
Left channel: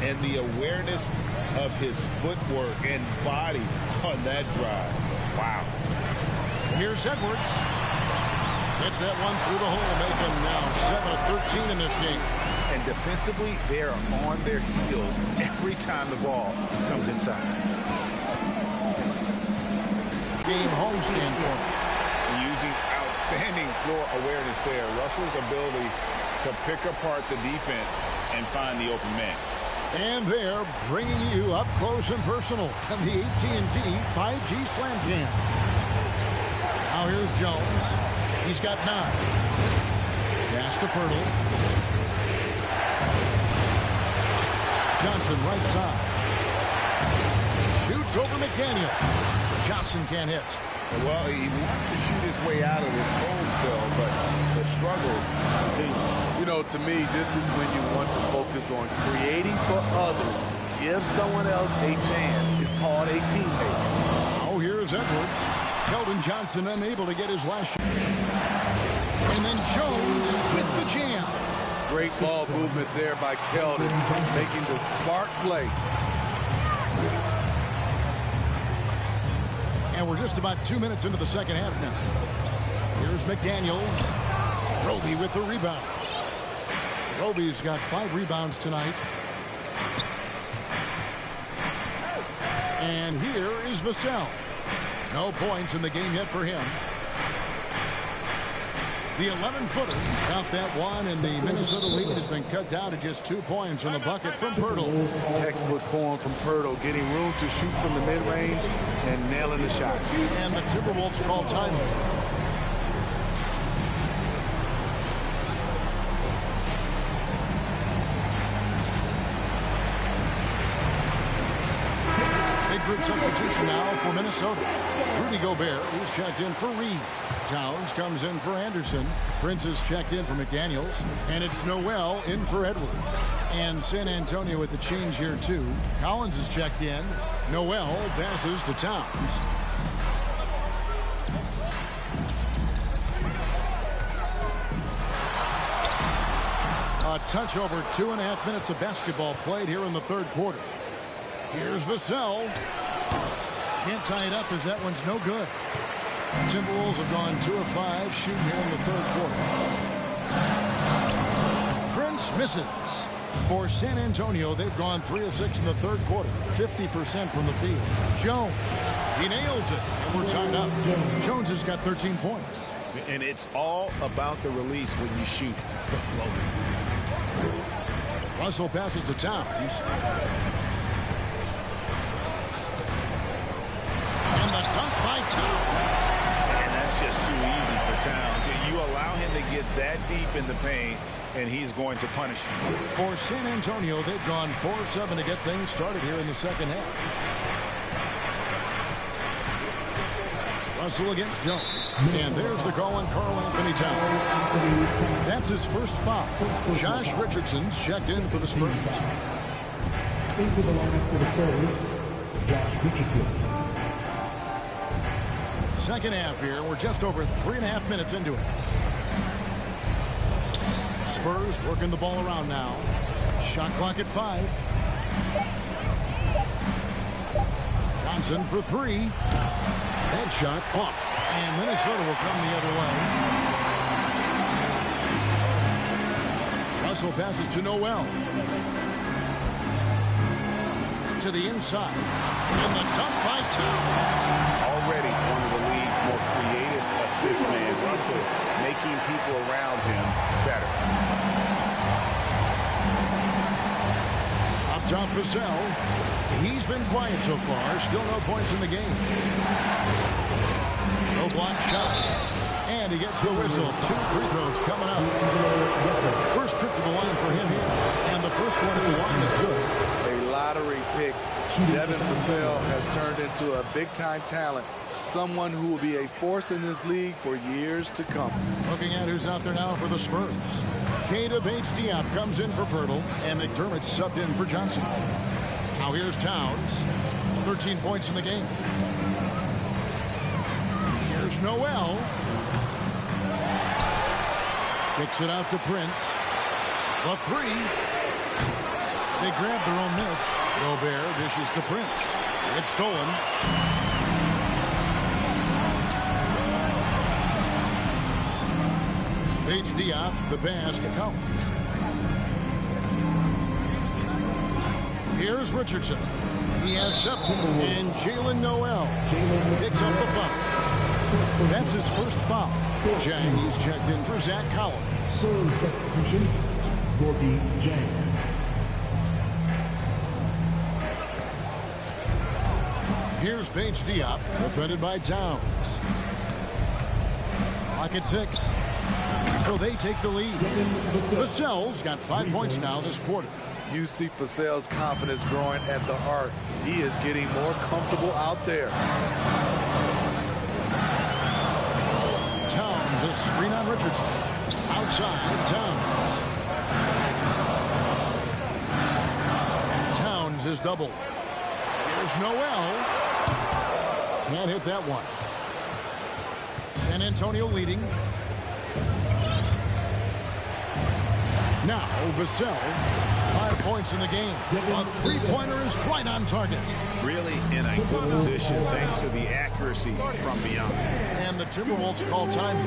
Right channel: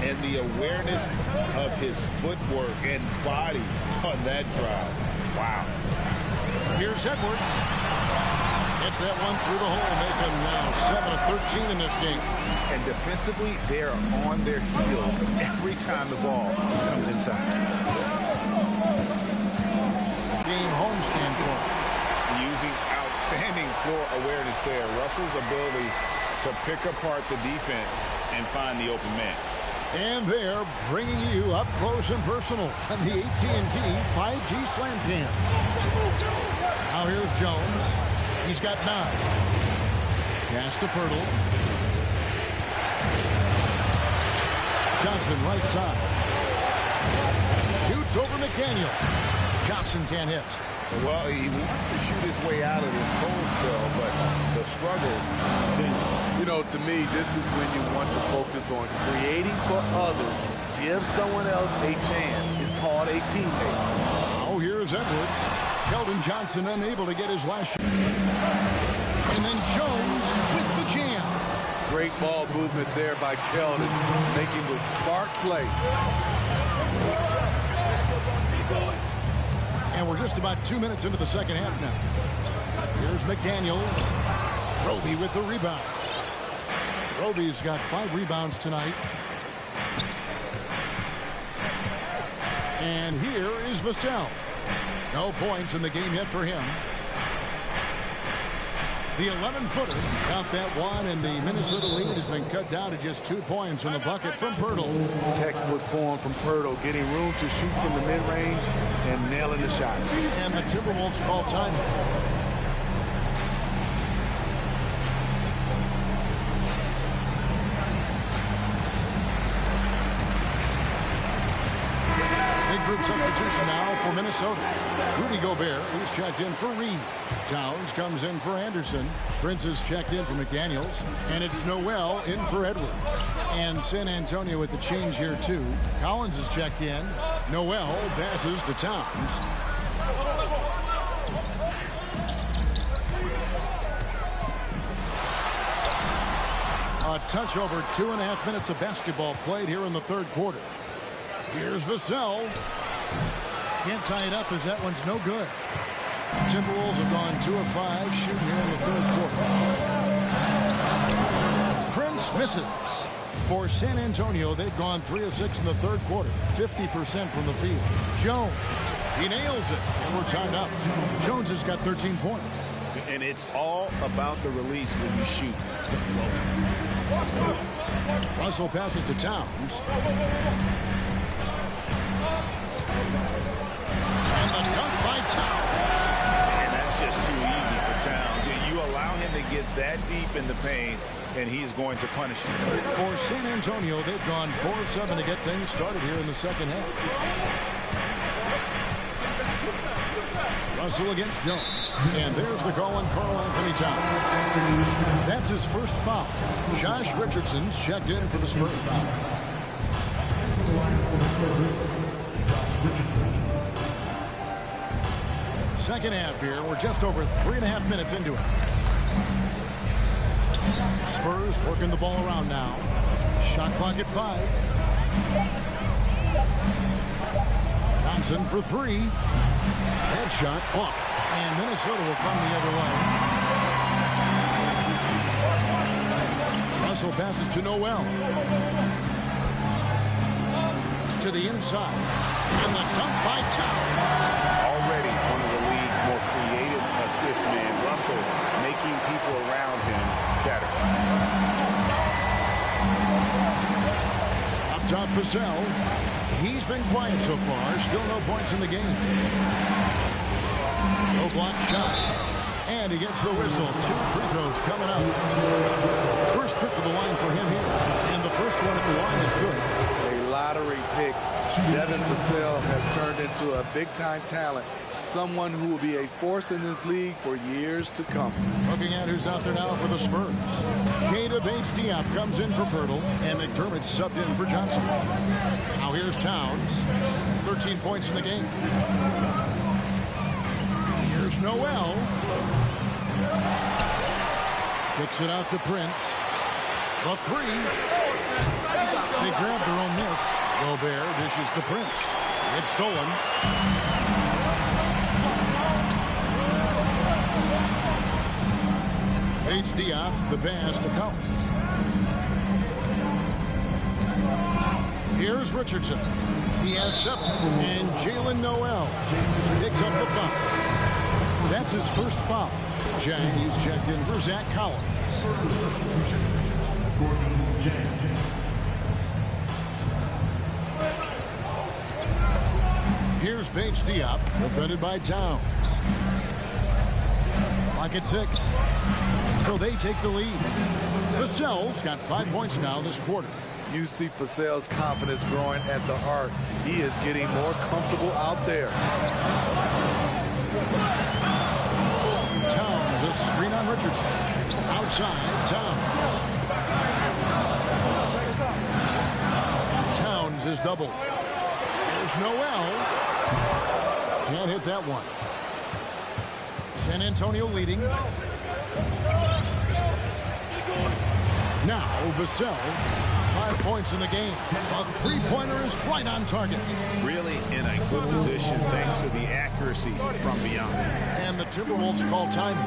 And the awareness of his footwork and body on that drive. Wow. Here's Edwards. Gets that one through the hole, make them now 7 of 13 in this game. And defensively, they are on their heels every time the ball comes inside. Game homestand for him. Using outstanding floor awareness there. Russell's ability to pick apart the defense and find the open man. And they're bringing you up close and personal on the AT&T 5G Slam Cam. Now here's Jones. He's got 9. Pass to Pirtle. Johnson right side. Shoots over McDaniel. Johnson can't hit. Well, he wants to shoot his way out of this cold spell, but the struggles continue. You know, to me, this is when you want to focus on creating for others. Give someone else a chance. It's called a teammate. Oh, here's Edwards. Keldon-Johnson unable to get his last shot. And then Jones with the jam. Great ball movement there by Keldon, making the smart play. And we're just about 2 minutes into the second half now. Here's McDaniels. Roby with the rebound. Roby's got 5 rebounds tonight. And here is Vassell. No points in the game yet for him. The 11-footer, count that one, and the Minnesota lead has been cut down to just 2 points in the bucket from Pirtle. Textbook form from Pirtle, getting room to shoot from the mid-range and nailing the shot. And the Timberwolves call time. Big group substitution now for Minnesota. Rudy Gobert, he's checked in for Reed. Towns comes in for Anderson. Prince is checked in for McDaniels. And it's Noel in for Edwards. And San Antonio with the change here, too. Collins is checked in. Noel passes to Towns. A touch over 2.5 minutes of basketball played here in the third quarter. Here's Vassell. Can't tie it up as that one's no good. Timberwolves have gone 2 of 5 shooting here in the third quarter. Prince misses. For San Antonio, they've gone 3 of 6 in the third quarter, 50% from the field. Jones, he nails it, and we're tied up. Jones has got 13 points. And it's all about the release when you shoot the floater. Russell passes to Towns. And the dunk by Towns. And that's just too easy for Towns. You allow him to get that deep in the paint, and he's going to punish you. For San Antonio, they've gone 4 of 7 to get things started here in the second half. Russell against Jones. And there's the call on Karl Anthony Towns. That's his first foul. Josh Richardson's checked in for the Spurs. Into the lineup for the Spurs, Josh Richardson. Second half here. We're just over 3.5 minutes into it. Spurs working the ball around now. Shot clock at 5. Johnson for 3. Headshot off. And Minnesota will come the other way. Russell passes to Noel. To the inside. And the dunk by Towns. Already one of the league's more creative assist man. Russell making people around him better. Up top, Vassell. He's been quiet so far. Still no points in the game. No block shot. And he gets the whistle. 2 free throws coming up. First trip to the line for him here. And the first one at the line is good. A lottery pick. Devin Vassell has turned into a big-time talent. Someone who will be a force in this league for years to come. Looking at who's out there now for the Spurs. Keita Bates-Diop comes in for Pirtle. And McDermott's subbed in for Johnson. Now here's Towns. 13 points in the game. Here's Noel. Kicks it out to Prince. The 3. They grab their own miss. Gobert dishes to Prince. It's stolen. Bates-Diop, the pass to Collins. Here's Richardson. He has 7. And Jalen Noel picks up the foul. That's his first foul. Jang, he's checked in for Zach Collins. Spurs substitution, Gorgie Jang. Here's Bates-Diop, defended by Towns. Lock at 6. So they take the lead. Vassell's got 5 points now this quarter. You see Vassell's confidence growing at the arc. He is getting more comfortable out there. Towns, a screen on Richardson. Outside, Towns. Towns is doubled. Here's Noel. Can't hit that one. San Antonio leading. Now Vassell, 5 points in the game. A 3-pointer is right on target. Really in a good position thanks to the accuracy from beyond. And the Timberwolves call time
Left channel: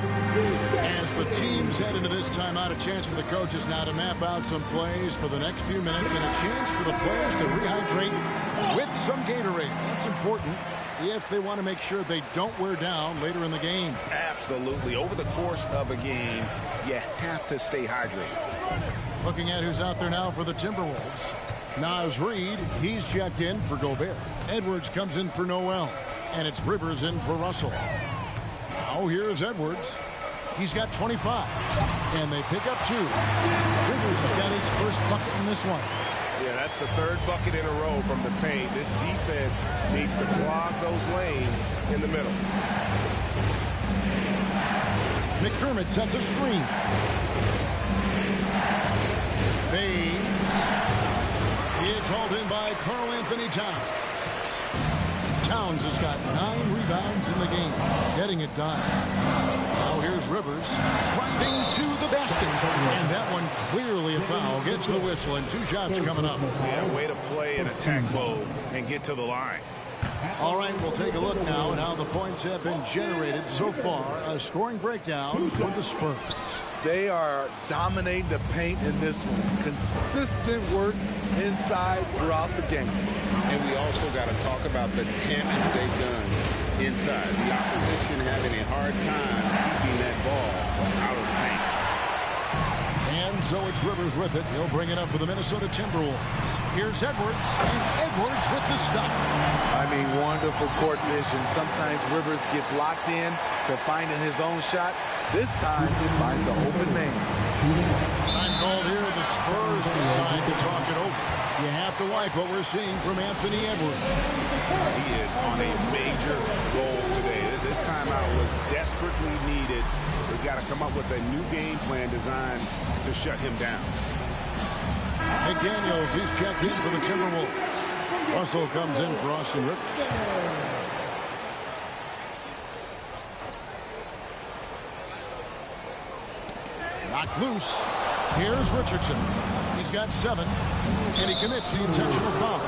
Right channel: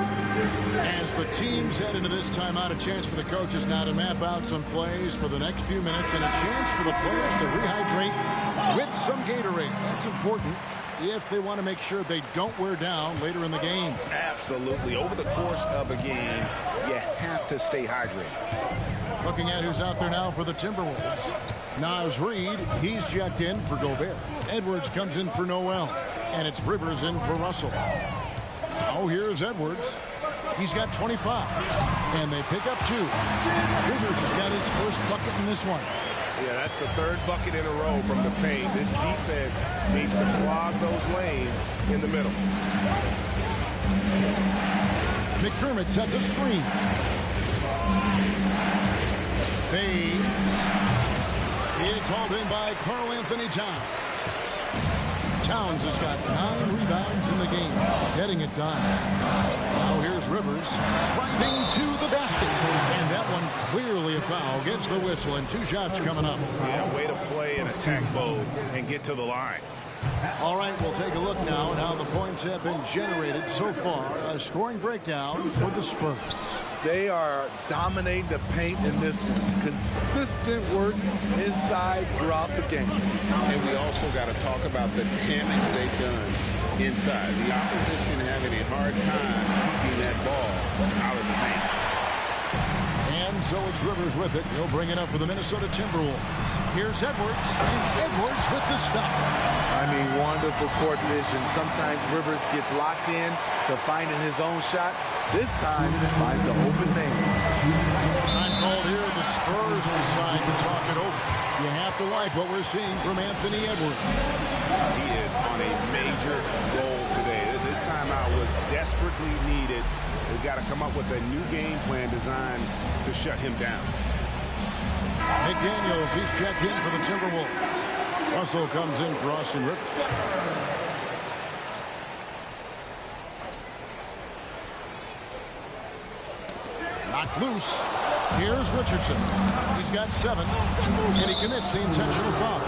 as the teams head into this timeout. A chance for the coaches now to map out some plays for the next few minutes and a chance for the players to rehydrate with some Gatorade. That's important if they want to make sure they don't wear down later in the game. Absolutely. Over the course of a game, you have to stay hydrated. Looking at who's out there now for the Timberwolves. Naz Reid, he's checked in for Gobert. Edwards comes in for Noel. And it's Rivers in for Russell. Now here's Edwards. He's got 25. And they pick up 2. Rivers has got his first bucket in this one. Yeah, that's the 3rd bucket in a row from the paint. This defense needs to clog those lanes in the middle. McDermott sets a screen. Fades. It's hauled in by Karl Anthony Towns. Towns has got 9 rebounds in the game, getting it done. Now here's Rivers driving to the basket, and that one clearly a foul, gets the whistle, and 2 shots coming up. Yeah, way to play in attack mode and get to the line. All right, we'll take a look now at how the points have been generated so far. A scoring breakdown for the Spurs. They are dominating the paint in this one. Consistent work inside throughout the game. And we also got to talk about the damage they've done inside. The opposition having a hard time keeping that ball out of the paint. And so it's Rivers with it. He'll bring it up for the Minnesota Timberwolves. Here's Edwards, and Edwards with the stuff. I mean, wonderful court vision. Sometimes Rivers gets locked in to finding his own shot. This time, finds the open man. Time called here. The Spurs decide to talk it over. You have to like what we're seeing from Anthony Edwards. He is on a major role today. This timeout was desperately needed. They've got to come up with a new game plan designed to shut him down. McDaniels, he's checked in for the Timberwolves. Russell comes in for Austin Rivers. Knocked loose. Here's Richardson. He's got 7, and he commits the intentional foul.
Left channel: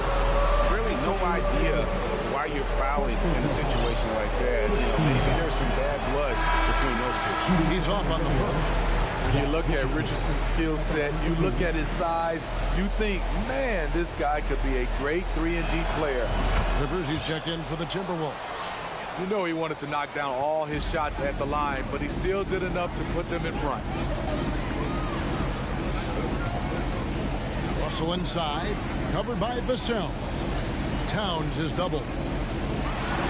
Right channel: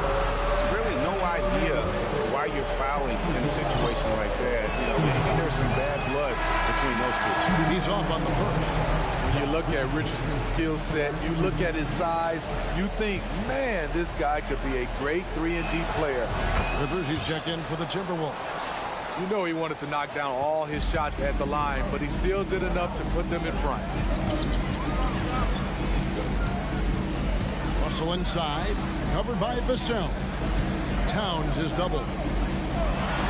Really no idea why you're fouling in a situation like that. You know, maybe there's some bad blood between those two. He's off on the first. When you look at Richardson's skill set, you look at his size, you think, man, this guy could be a great 3-and-D player. Rivers, he's checked in for the Timberwolves. You know he wanted to knock down all his shots at the line, but he still did enough to put them in front. Russell inside, covered by Vassell. Towns is doubled.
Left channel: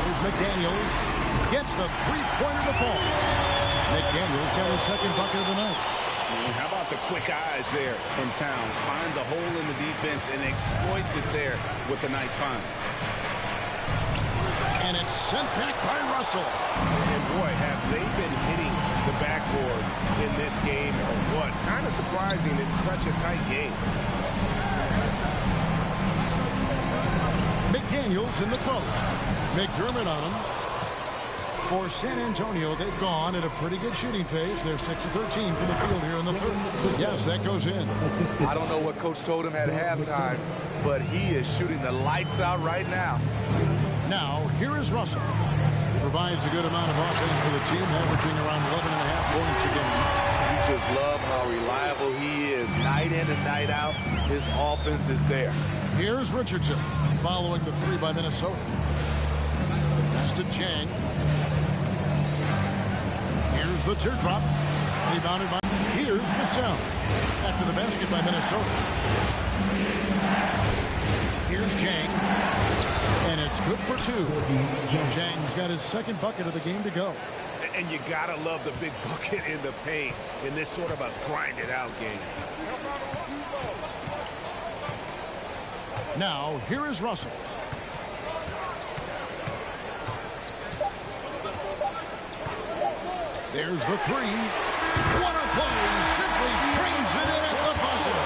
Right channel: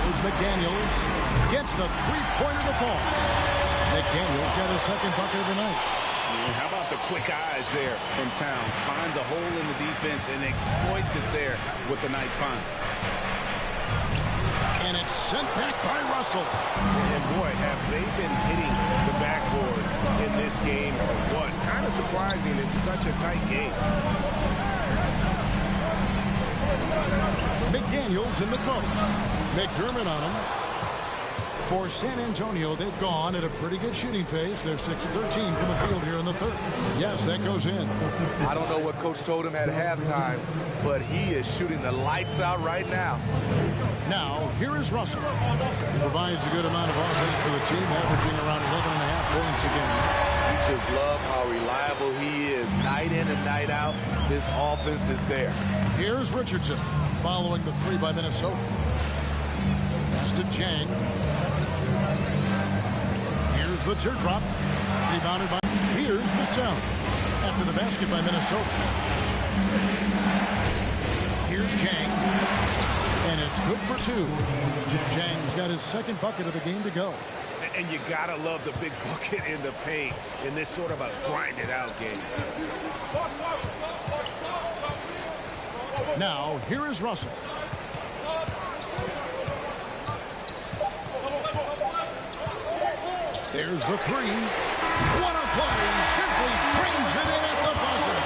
Here's McDaniels. Gets the three-pointer to fall. McDaniels got his second bucket of the night. And how about the quick eyes there from Towns? Finds a hole in the defense and exploits it there with a nice find. And it's sent back by Russell. And boy, have they been hitting the backboard in this game or what? Kind of surprising. It's such a tight game. McDaniels in the post. McDermott on him. For San Antonio, they've gone at a pretty good shooting pace. They're 6-13 from the field here in the third. Yes, that goes in. I don't know what Coach told him at halftime, but he is shooting the lights out right now. Now, here is Russell. He provides a good amount of offense for the team, averaging around 11.5 points a game. You just love how reliable he is. Night in and night out, his offense is there. Here's Richardson, following the 3 by Minnesota. Pass to Jang. Here's the teardrop. Rebounded by... Here's Vassell. After the basket by Minnesota. Here's Jang. And it's good for 2. Jang's got his second bucket of the game to go. And you gotta love the big bucket in the paint in this sort of a grinded out game. Now, here is Russell. There's the 3. What a play. Simply trains it in at the buzzer.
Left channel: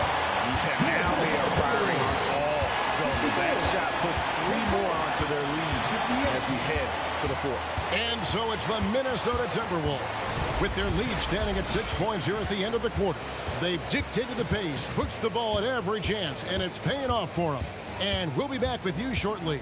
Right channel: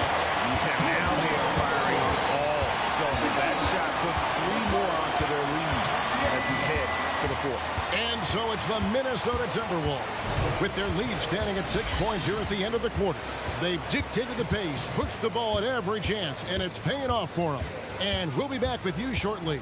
Yeah, now they are firing on all cylinders. That shot puts 3 more onto their lead as we head to the 4th. And so it's the Minnesota Timberwolves. With their lead standing at 6 points here at the end of the quarter. They've dictated the pace, pushed the ball at every chance, and it's paying off for them. And we'll be back with you shortly.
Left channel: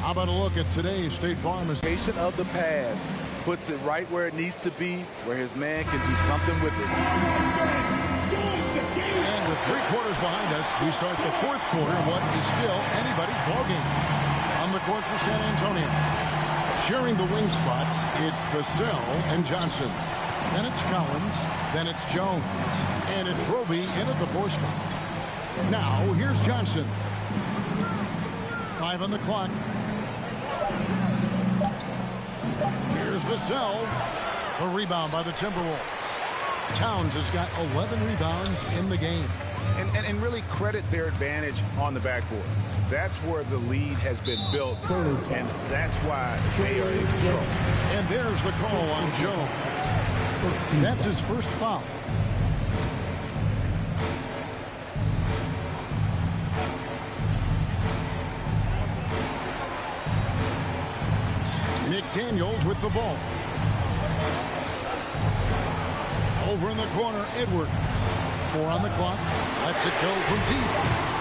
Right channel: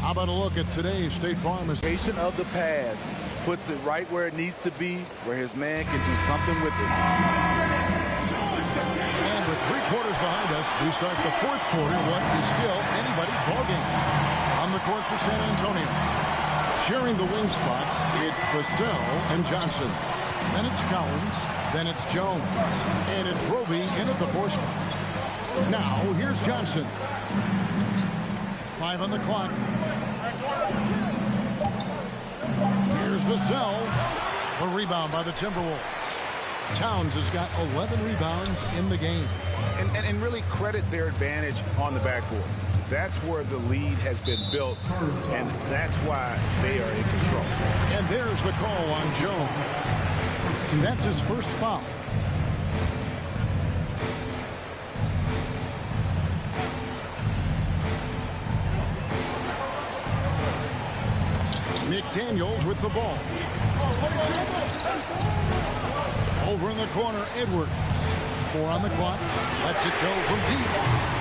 How about a look at today's State Farm Association of the pass. Puts it right where it needs to be, where his man can do something with it. And with 3 quarters behind us, we start the 4th quarter, what is still anybody's ball game. On the court for San Antonio. Sharing the wing spots, it's Vassell and Johnson. Then it's Collins. Then it's Jones. And it's Roby in at the 4 spot. Now, here's Johnson. 5 on the clock. Here's Vassell. A rebound by the Timberwolves. Towns has got 11 rebounds in the game. And really credit their advantage on the backboard. That's where the lead has been built, and that's why they are in control. And there's the call on Jones. That's his first foul. McDaniels with the ball. Over in the corner, Edwards. 4 on the clock. Lets it go from deep.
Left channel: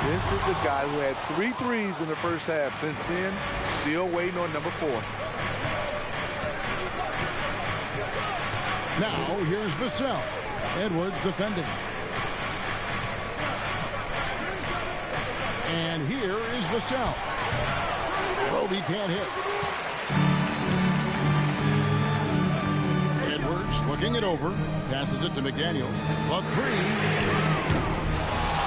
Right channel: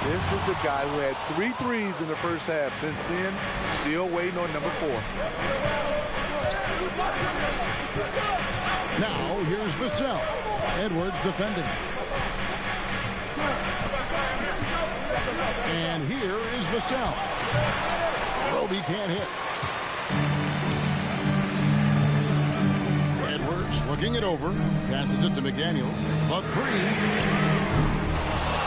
This is the guy who had 3 threes in the first half. Since then, still waiting on number 4. Now, here's Vassell. Edwards defending. And here is Vassell. Roby can't hit. Edwards looking it over. Passes it to McDaniels. A 3.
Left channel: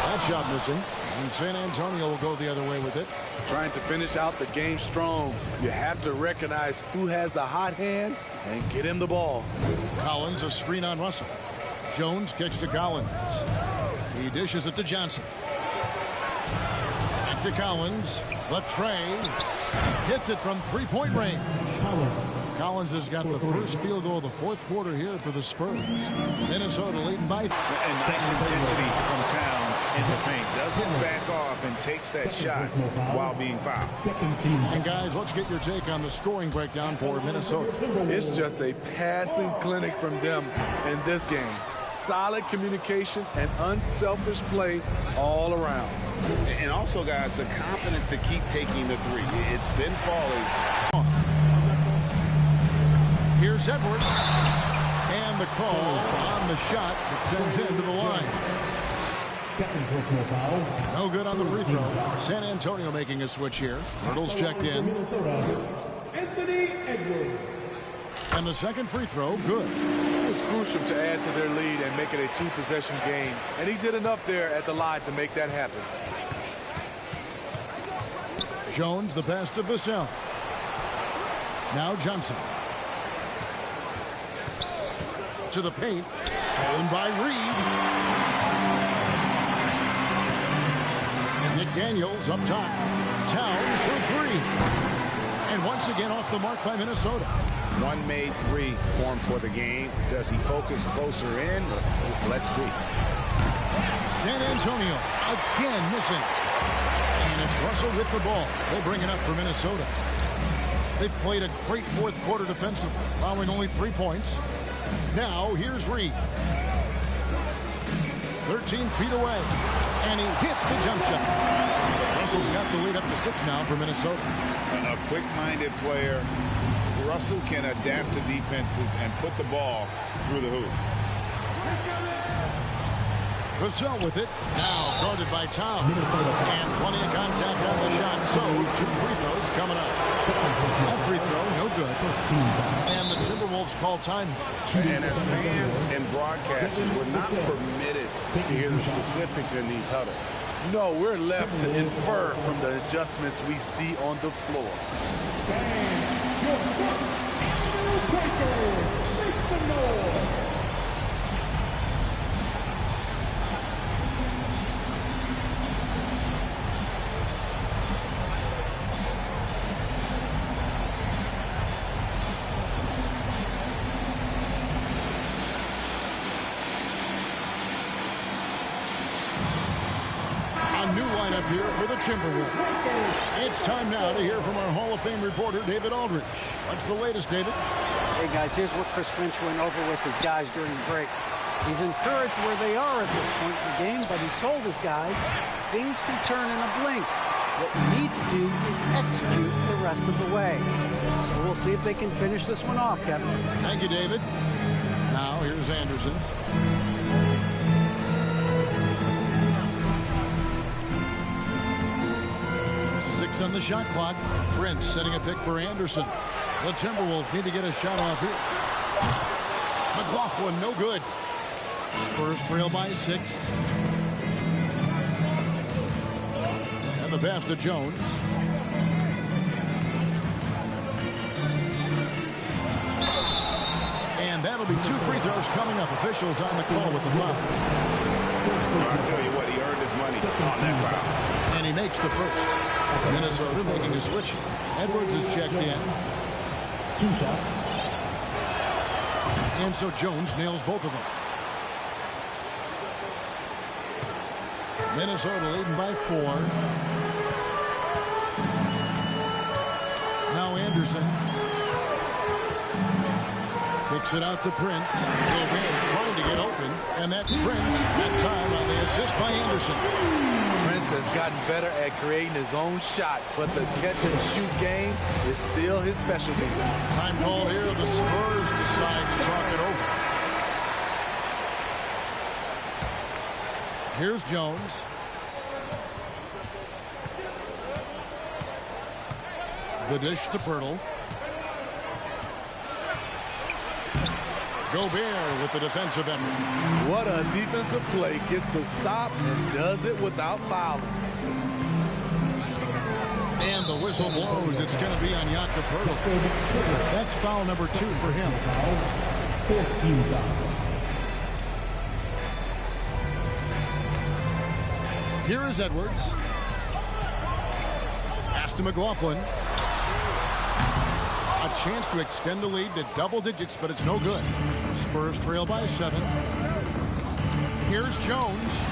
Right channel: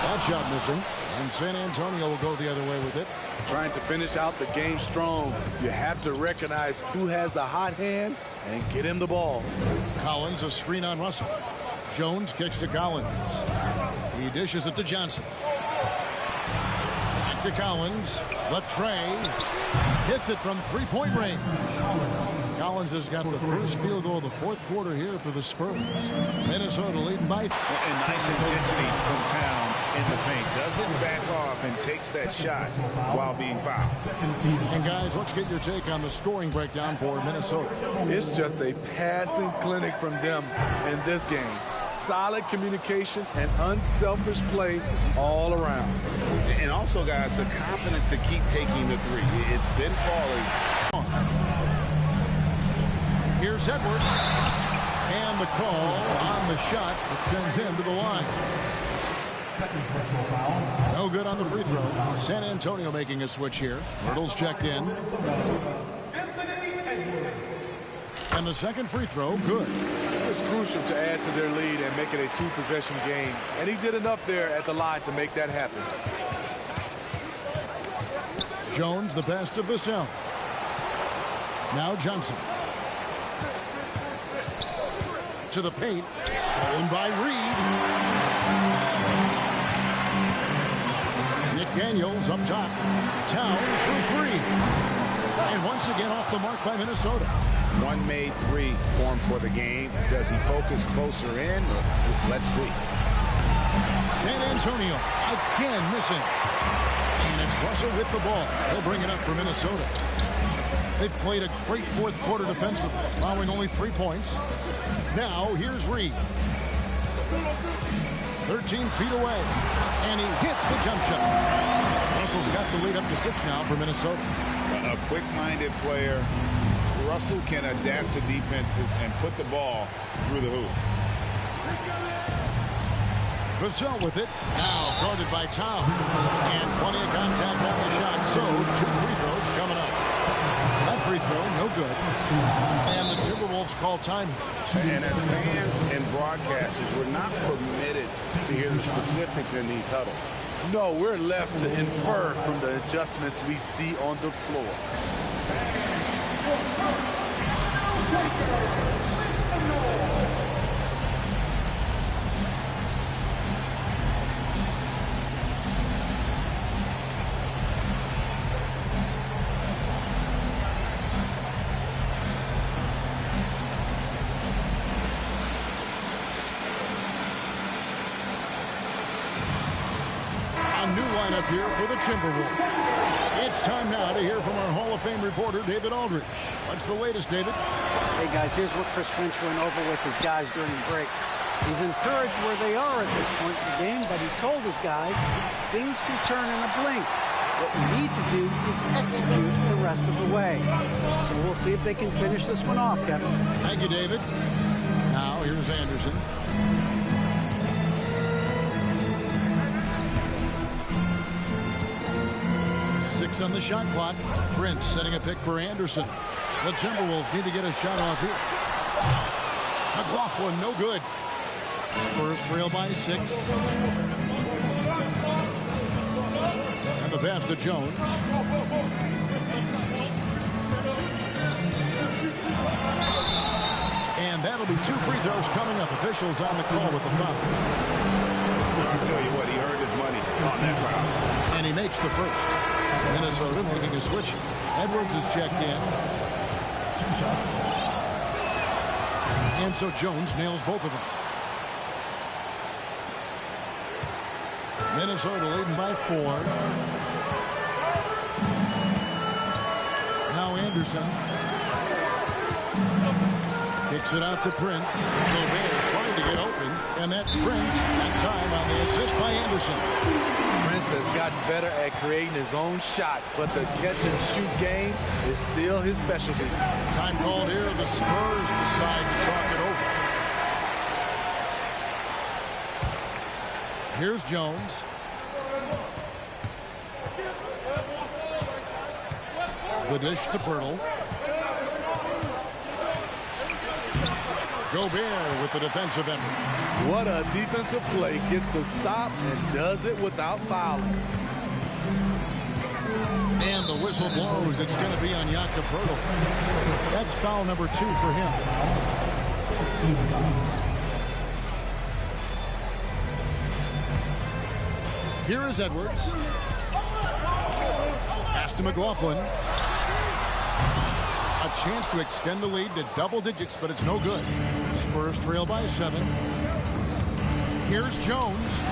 That shot missing. And San Antonio will go the other way with it. Trying to finish out the game strong. You have to recognize who has the hot hand and get him the ball. Collins, a screen on Russell. Jones kicks to Collins. He dishes it to Johnson. Back to Collins. The tray. Hits it from 3-point range. Collins has got the first field goal of the fourth quarter here for the Spurs. Minnesota leading by. And nice intensity from Towns in the paint. Doesn't back off and takes that shot while being fouled. And guys, let's get your take on the scoring breakdown for Minnesota. It's just a passing clinic from them in this game. Solid communication and unselfish play all around. And also, guys, the confidence to keep taking the 3. It's been falling. Here's Edwards. And the call on the shot that sends him to the line. Second personal foul. No good on the free throw. San Antonio making a switch here. Hurdle's checked in. Anthony Edwards. And the second free throw, good. It was crucial to add to their lead and make it a 2-possession game. And he did enough there at the line to make that happen. Jones, the pass to Vassell. Now Johnson. To the paint. Stolen by Reed. McDaniels up top. Towns for 3. And once again off the mark by Minnesota. One made 3 formed for the game. Does he focus closer in? Let's see. San Antonio again missing. And it's Russell with the ball. He'll bring it up for Minnesota. They've played a great fourth quarter defensively, allowing only 3 points. Now here's Reed. 13 feet away. And he hits the jump shot. Russell's got the lead up to 6 now for Minnesota. A quick-minded player. Russell can adapt to defenses and put the ball through the hoop. Vassell with it. Now guarded by Towns. And plenty of contact on the shot. So 2 free throws coming up. That free throw, no good. And the Timberwolves call time. And as fans and broadcasters, we're not permitted to hear the specifics in these huddles. No, we're left to infer from the adjustments we see on the floor. A new lineup here for the Timberwolves. It's time now to hear from our Hall of Fame reporter, David Aldridge. What's the latest, David? Hey, guys, here's what Chris Finch went over with his guys during break. He's encouraged where they are at this point in the game, but he told his guys things can turn in a blink. What we need to do is execute the rest of the way. So we'll see if they can finish this one off, Kevin. Thank you, David. Now, here's Anderson. Six on the shot clock. Prince setting a pick for Anderson. The Timberwolves need to get a shot off here. McLaughlin, no good. Spurs trail by 6. And the pass to Jones. And that'll be 2 free throws coming up. Officials on the call with the foul. I'll tell you what, he earned his money on that foul. And he makes the first. Minnesota making a switch. Edwards is checked in. 2 shots. And so Jones nails both of them. Minnesota leading by 4. Now Anderson. Kicks it out to Prince. Gobert trying to get open, and that's Prince. That time on the assist by Anderson. Prince has gotten better at creating his own shot, but the catch-and-shoot game is still his specialty. Time called here. The Spurs decide to talk it over. Here's Jones. The dish to Pirtle. Gobert with the defensive effort. What a defensive play. Gets the stop and does it without fouling. And the whistle blows. It's going to be on Jakob Pirtle. That's foul number 2 for him. 14 foul. Here is Edwards. Pass to McLaughlin. A chance to extend the lead to double digits, but it's no good. Spurs trail by 7. Here's Jones.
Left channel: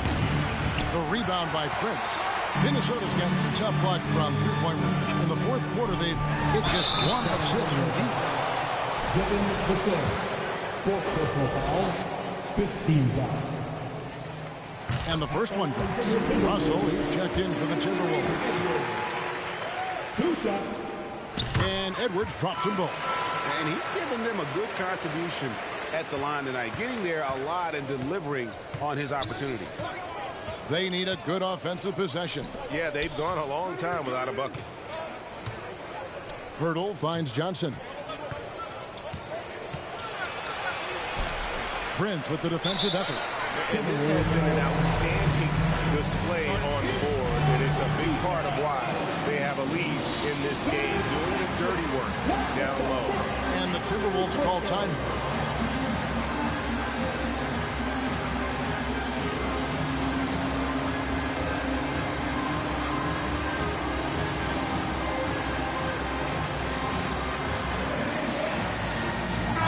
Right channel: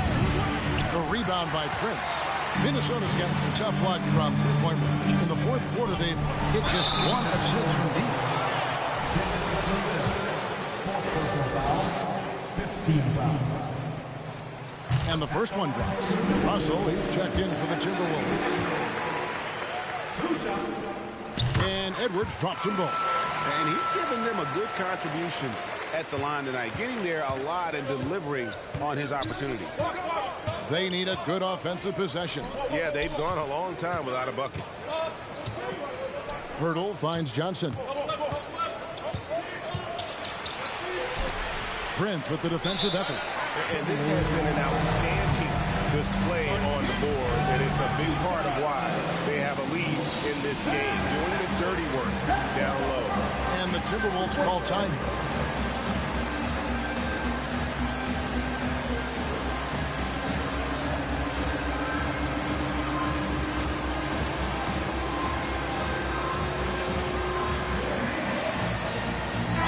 The rebound by Prince. Minnesota's gotten some tough luck from three-point range. In the fourth quarter, they've hit just 1 of 6 from deep. Kevin Vassell, 4th personal foul, 15 foul. And the first one drops. Russell, he's checked in for the Timberwolves. 2 shots. And Edwards drops them both. And he's given them a good contribution at the line tonight, getting there a lot and delivering on his opportunities. They need a good offensive possession. Yeah, they've gone a long time without a bucket. Pirtle finds Johnson. Prince with the defensive effort. And this has been an outstanding display on the board, and it's a big part of why they have a lead in this game, doing the dirty work down low. And the Timberwolves call time.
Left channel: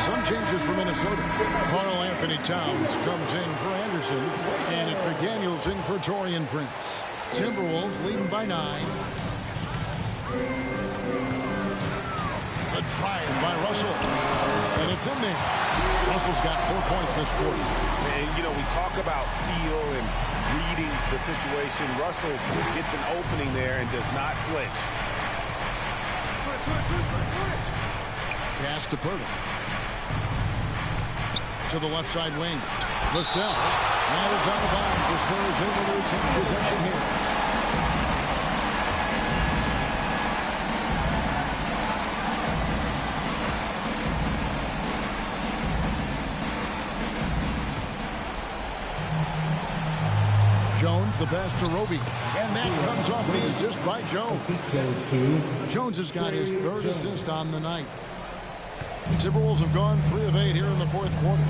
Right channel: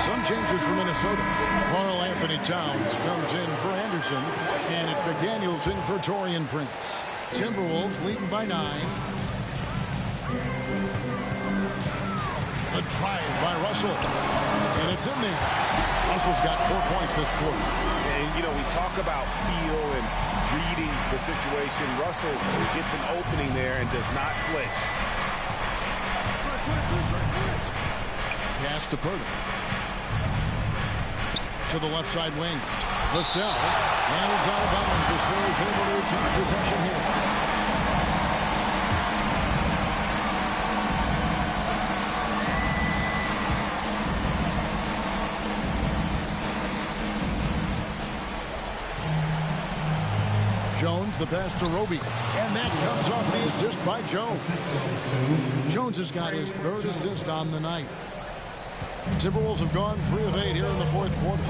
Some changes for Minnesota. Karl Anthony Towns comes in for Anderson, and it's McDaniels in for Taurean Prince. Timberwolves leading by 9. The drive by Russell, and it's in there. Russell's got 4 points this quarter. And, you know, we talk about feel and reading the situation. Russell gets an opening there and does not flinch. Pass to Pirtle. To the left side wing. Vassell. And it's out of bounds. The Spurs able to retain possession here. Jones, the pass to Roby. And that comes off the assist by Jones. Jones has got his 3rd assist on the night. The Timberwolves have gone 3 of 8 here in the fourth quarter.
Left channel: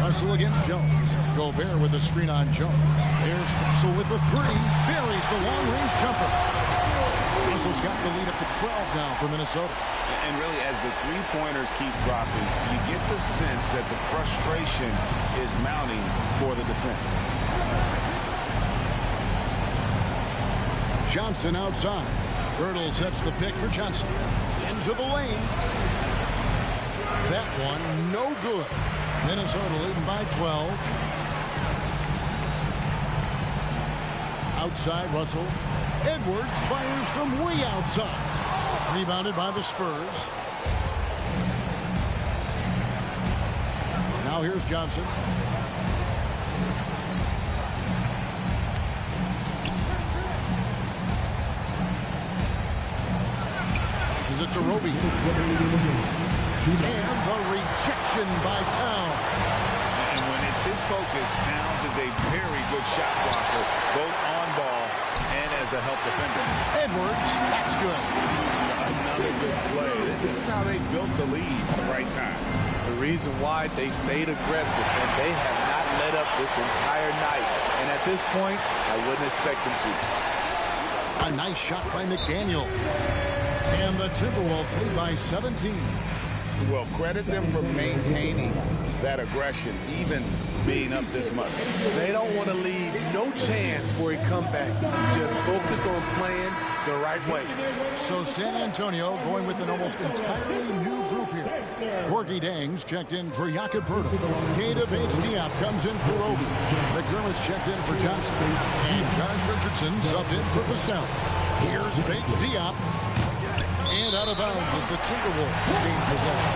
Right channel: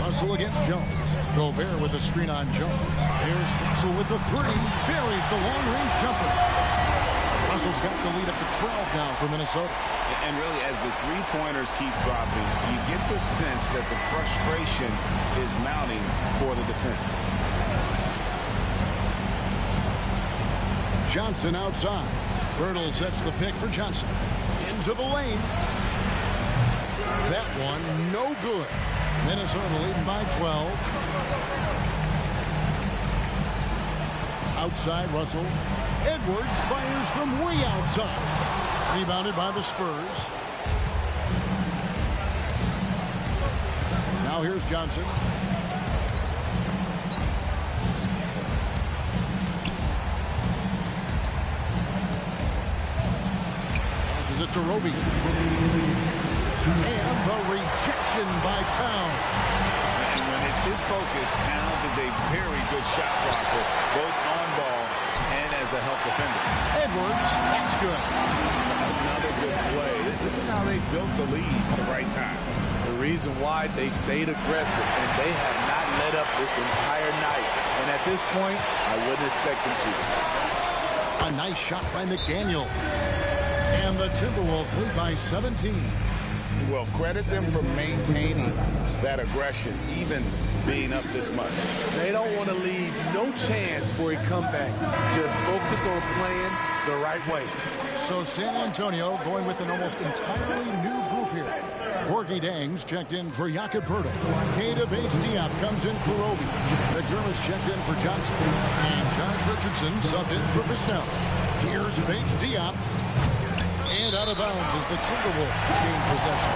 Russell against Jones. Gobert with the screen on Jones. There's Russell with the 3. Buries the long-range jumper. Russell's got the lead up to 12 now for Minnesota. And really, as the three-pointers keep dropping, you get the sense that the frustration is mounting for the defense. Johnson outside. Pirtle sets the pick for Johnson. Into the lane. That one no good. Minnesota leading by 12. Outside Russell. Edwards fires from way outside. Rebounded by the Spurs. Now here's Johnson. Passes it to Roby. And the rejection by Towns. And when it's his focus, Towns is a very good shot blocker, both on ball and as a help defender. Edwards, that's good. Another good play. This is how they built the lead at the right time. The reason why they've stayed aggressive, and they have not let up this entire night. And at this point, I wouldn't expect them to. A nice shot by McDaniels. And the Timberwolves lead by 17. Well, credit them for maintaining that aggression, even being up this much. They don't want to leave no chance for a comeback. Just focus on playing the right way. So San Antonio going with an almost entirely new group here. Corky Dangs checked in for Jakob Poeltl. Keita Bates-Diop comes in for Roby. McDermott's checked in for Johnson. And Josh Richardson subbed in for Vassell. Here's Bates-Diop. And out of bounds as the Timberwolves gain possession.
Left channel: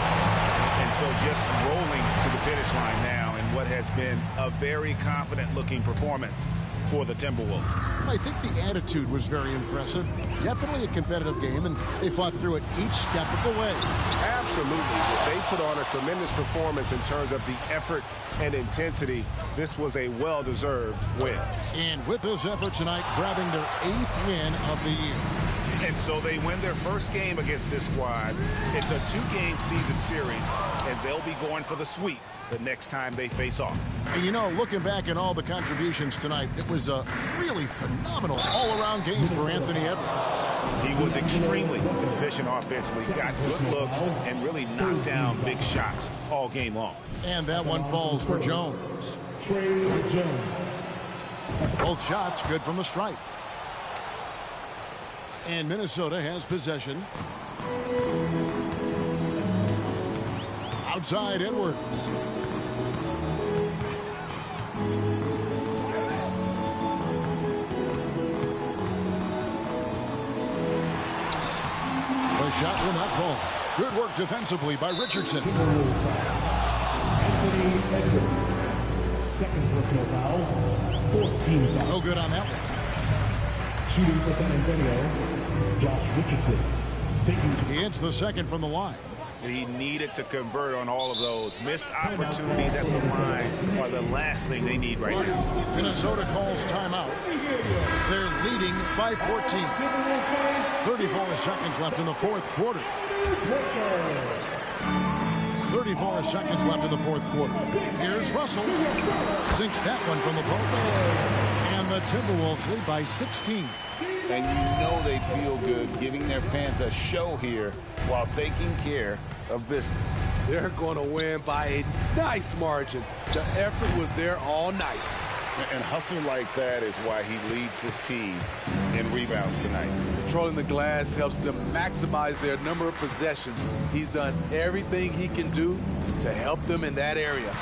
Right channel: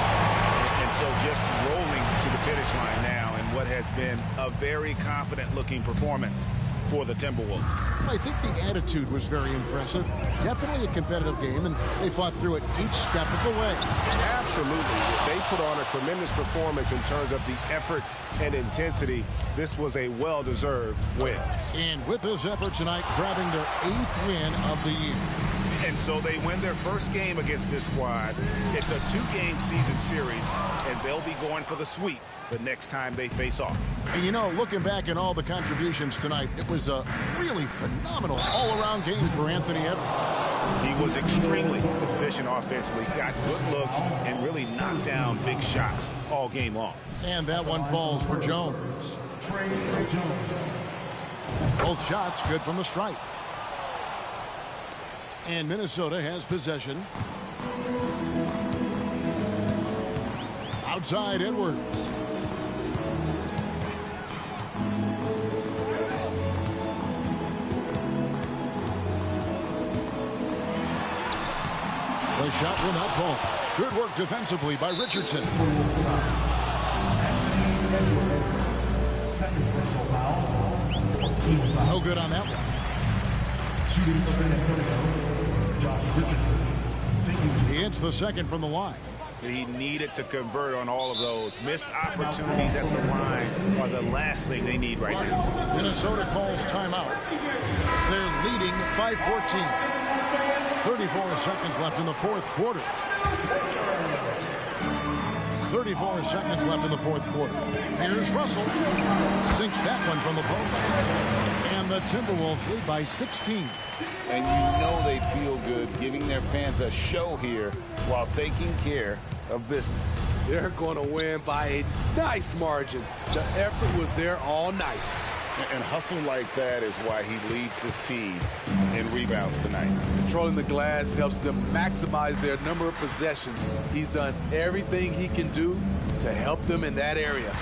And so just rolling to the finish line now in what has been a very confident-looking performance for the Timberwolves. I think the attitude was very impressive. Definitely a competitive game, and they fought through it each step of the way. Absolutely. They put on a tremendous performance in terms of the effort and intensity. This was a well-deserved win. And with this effort tonight, grabbing their 8th win of the year. And so they win their first game against this squad. It's a 2-game season series, and they'll be going for the sweep the next time they face off. And you know, looking back at all the contributions tonight, it was a really phenomenal all-around game for Anthony Edwards. He was extremely efficient offensively, got good looks, and really knocked down big shots all game long. And that one falls for Jones. Both shots good from the stripe. And Minnesota has possession. Outside Edwards. The shot will not fall. Good work defensively by Richardson. Second personal foul. 4th team foul. No good on that one. Shooting for San Antonio, Josh Richardson. He hits the second from the line. He needed to convert on all of those. Missed opportunities at the line are the last thing they need right now. Minnesota calls timeout. They're leading by 14. 34 seconds left in the fourth quarter. 34 seconds left in the fourth quarter. Here's Russell. Sinks that one from the post. And the Timberwolves lead by 16. And you know they feel good giving their fans a show here while taking care of business. They're going to win by a nice margin. The effort was there all night. And hustle like that is why he leads this team in rebounds tonight. Controlling the glass helps them maximize their number of possessions. He's done everything he can do to help them in that area.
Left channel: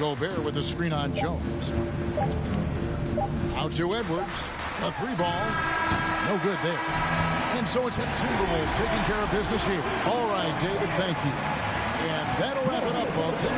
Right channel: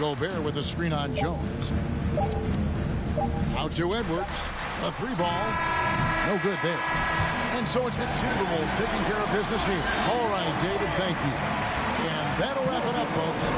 Gobert with a screen on Jones. Out to Edwards. A 3-ball. No good there. And so it's the Timberwolves taking care of business here. All right, David, thank you. And that'll wrap it up, folks.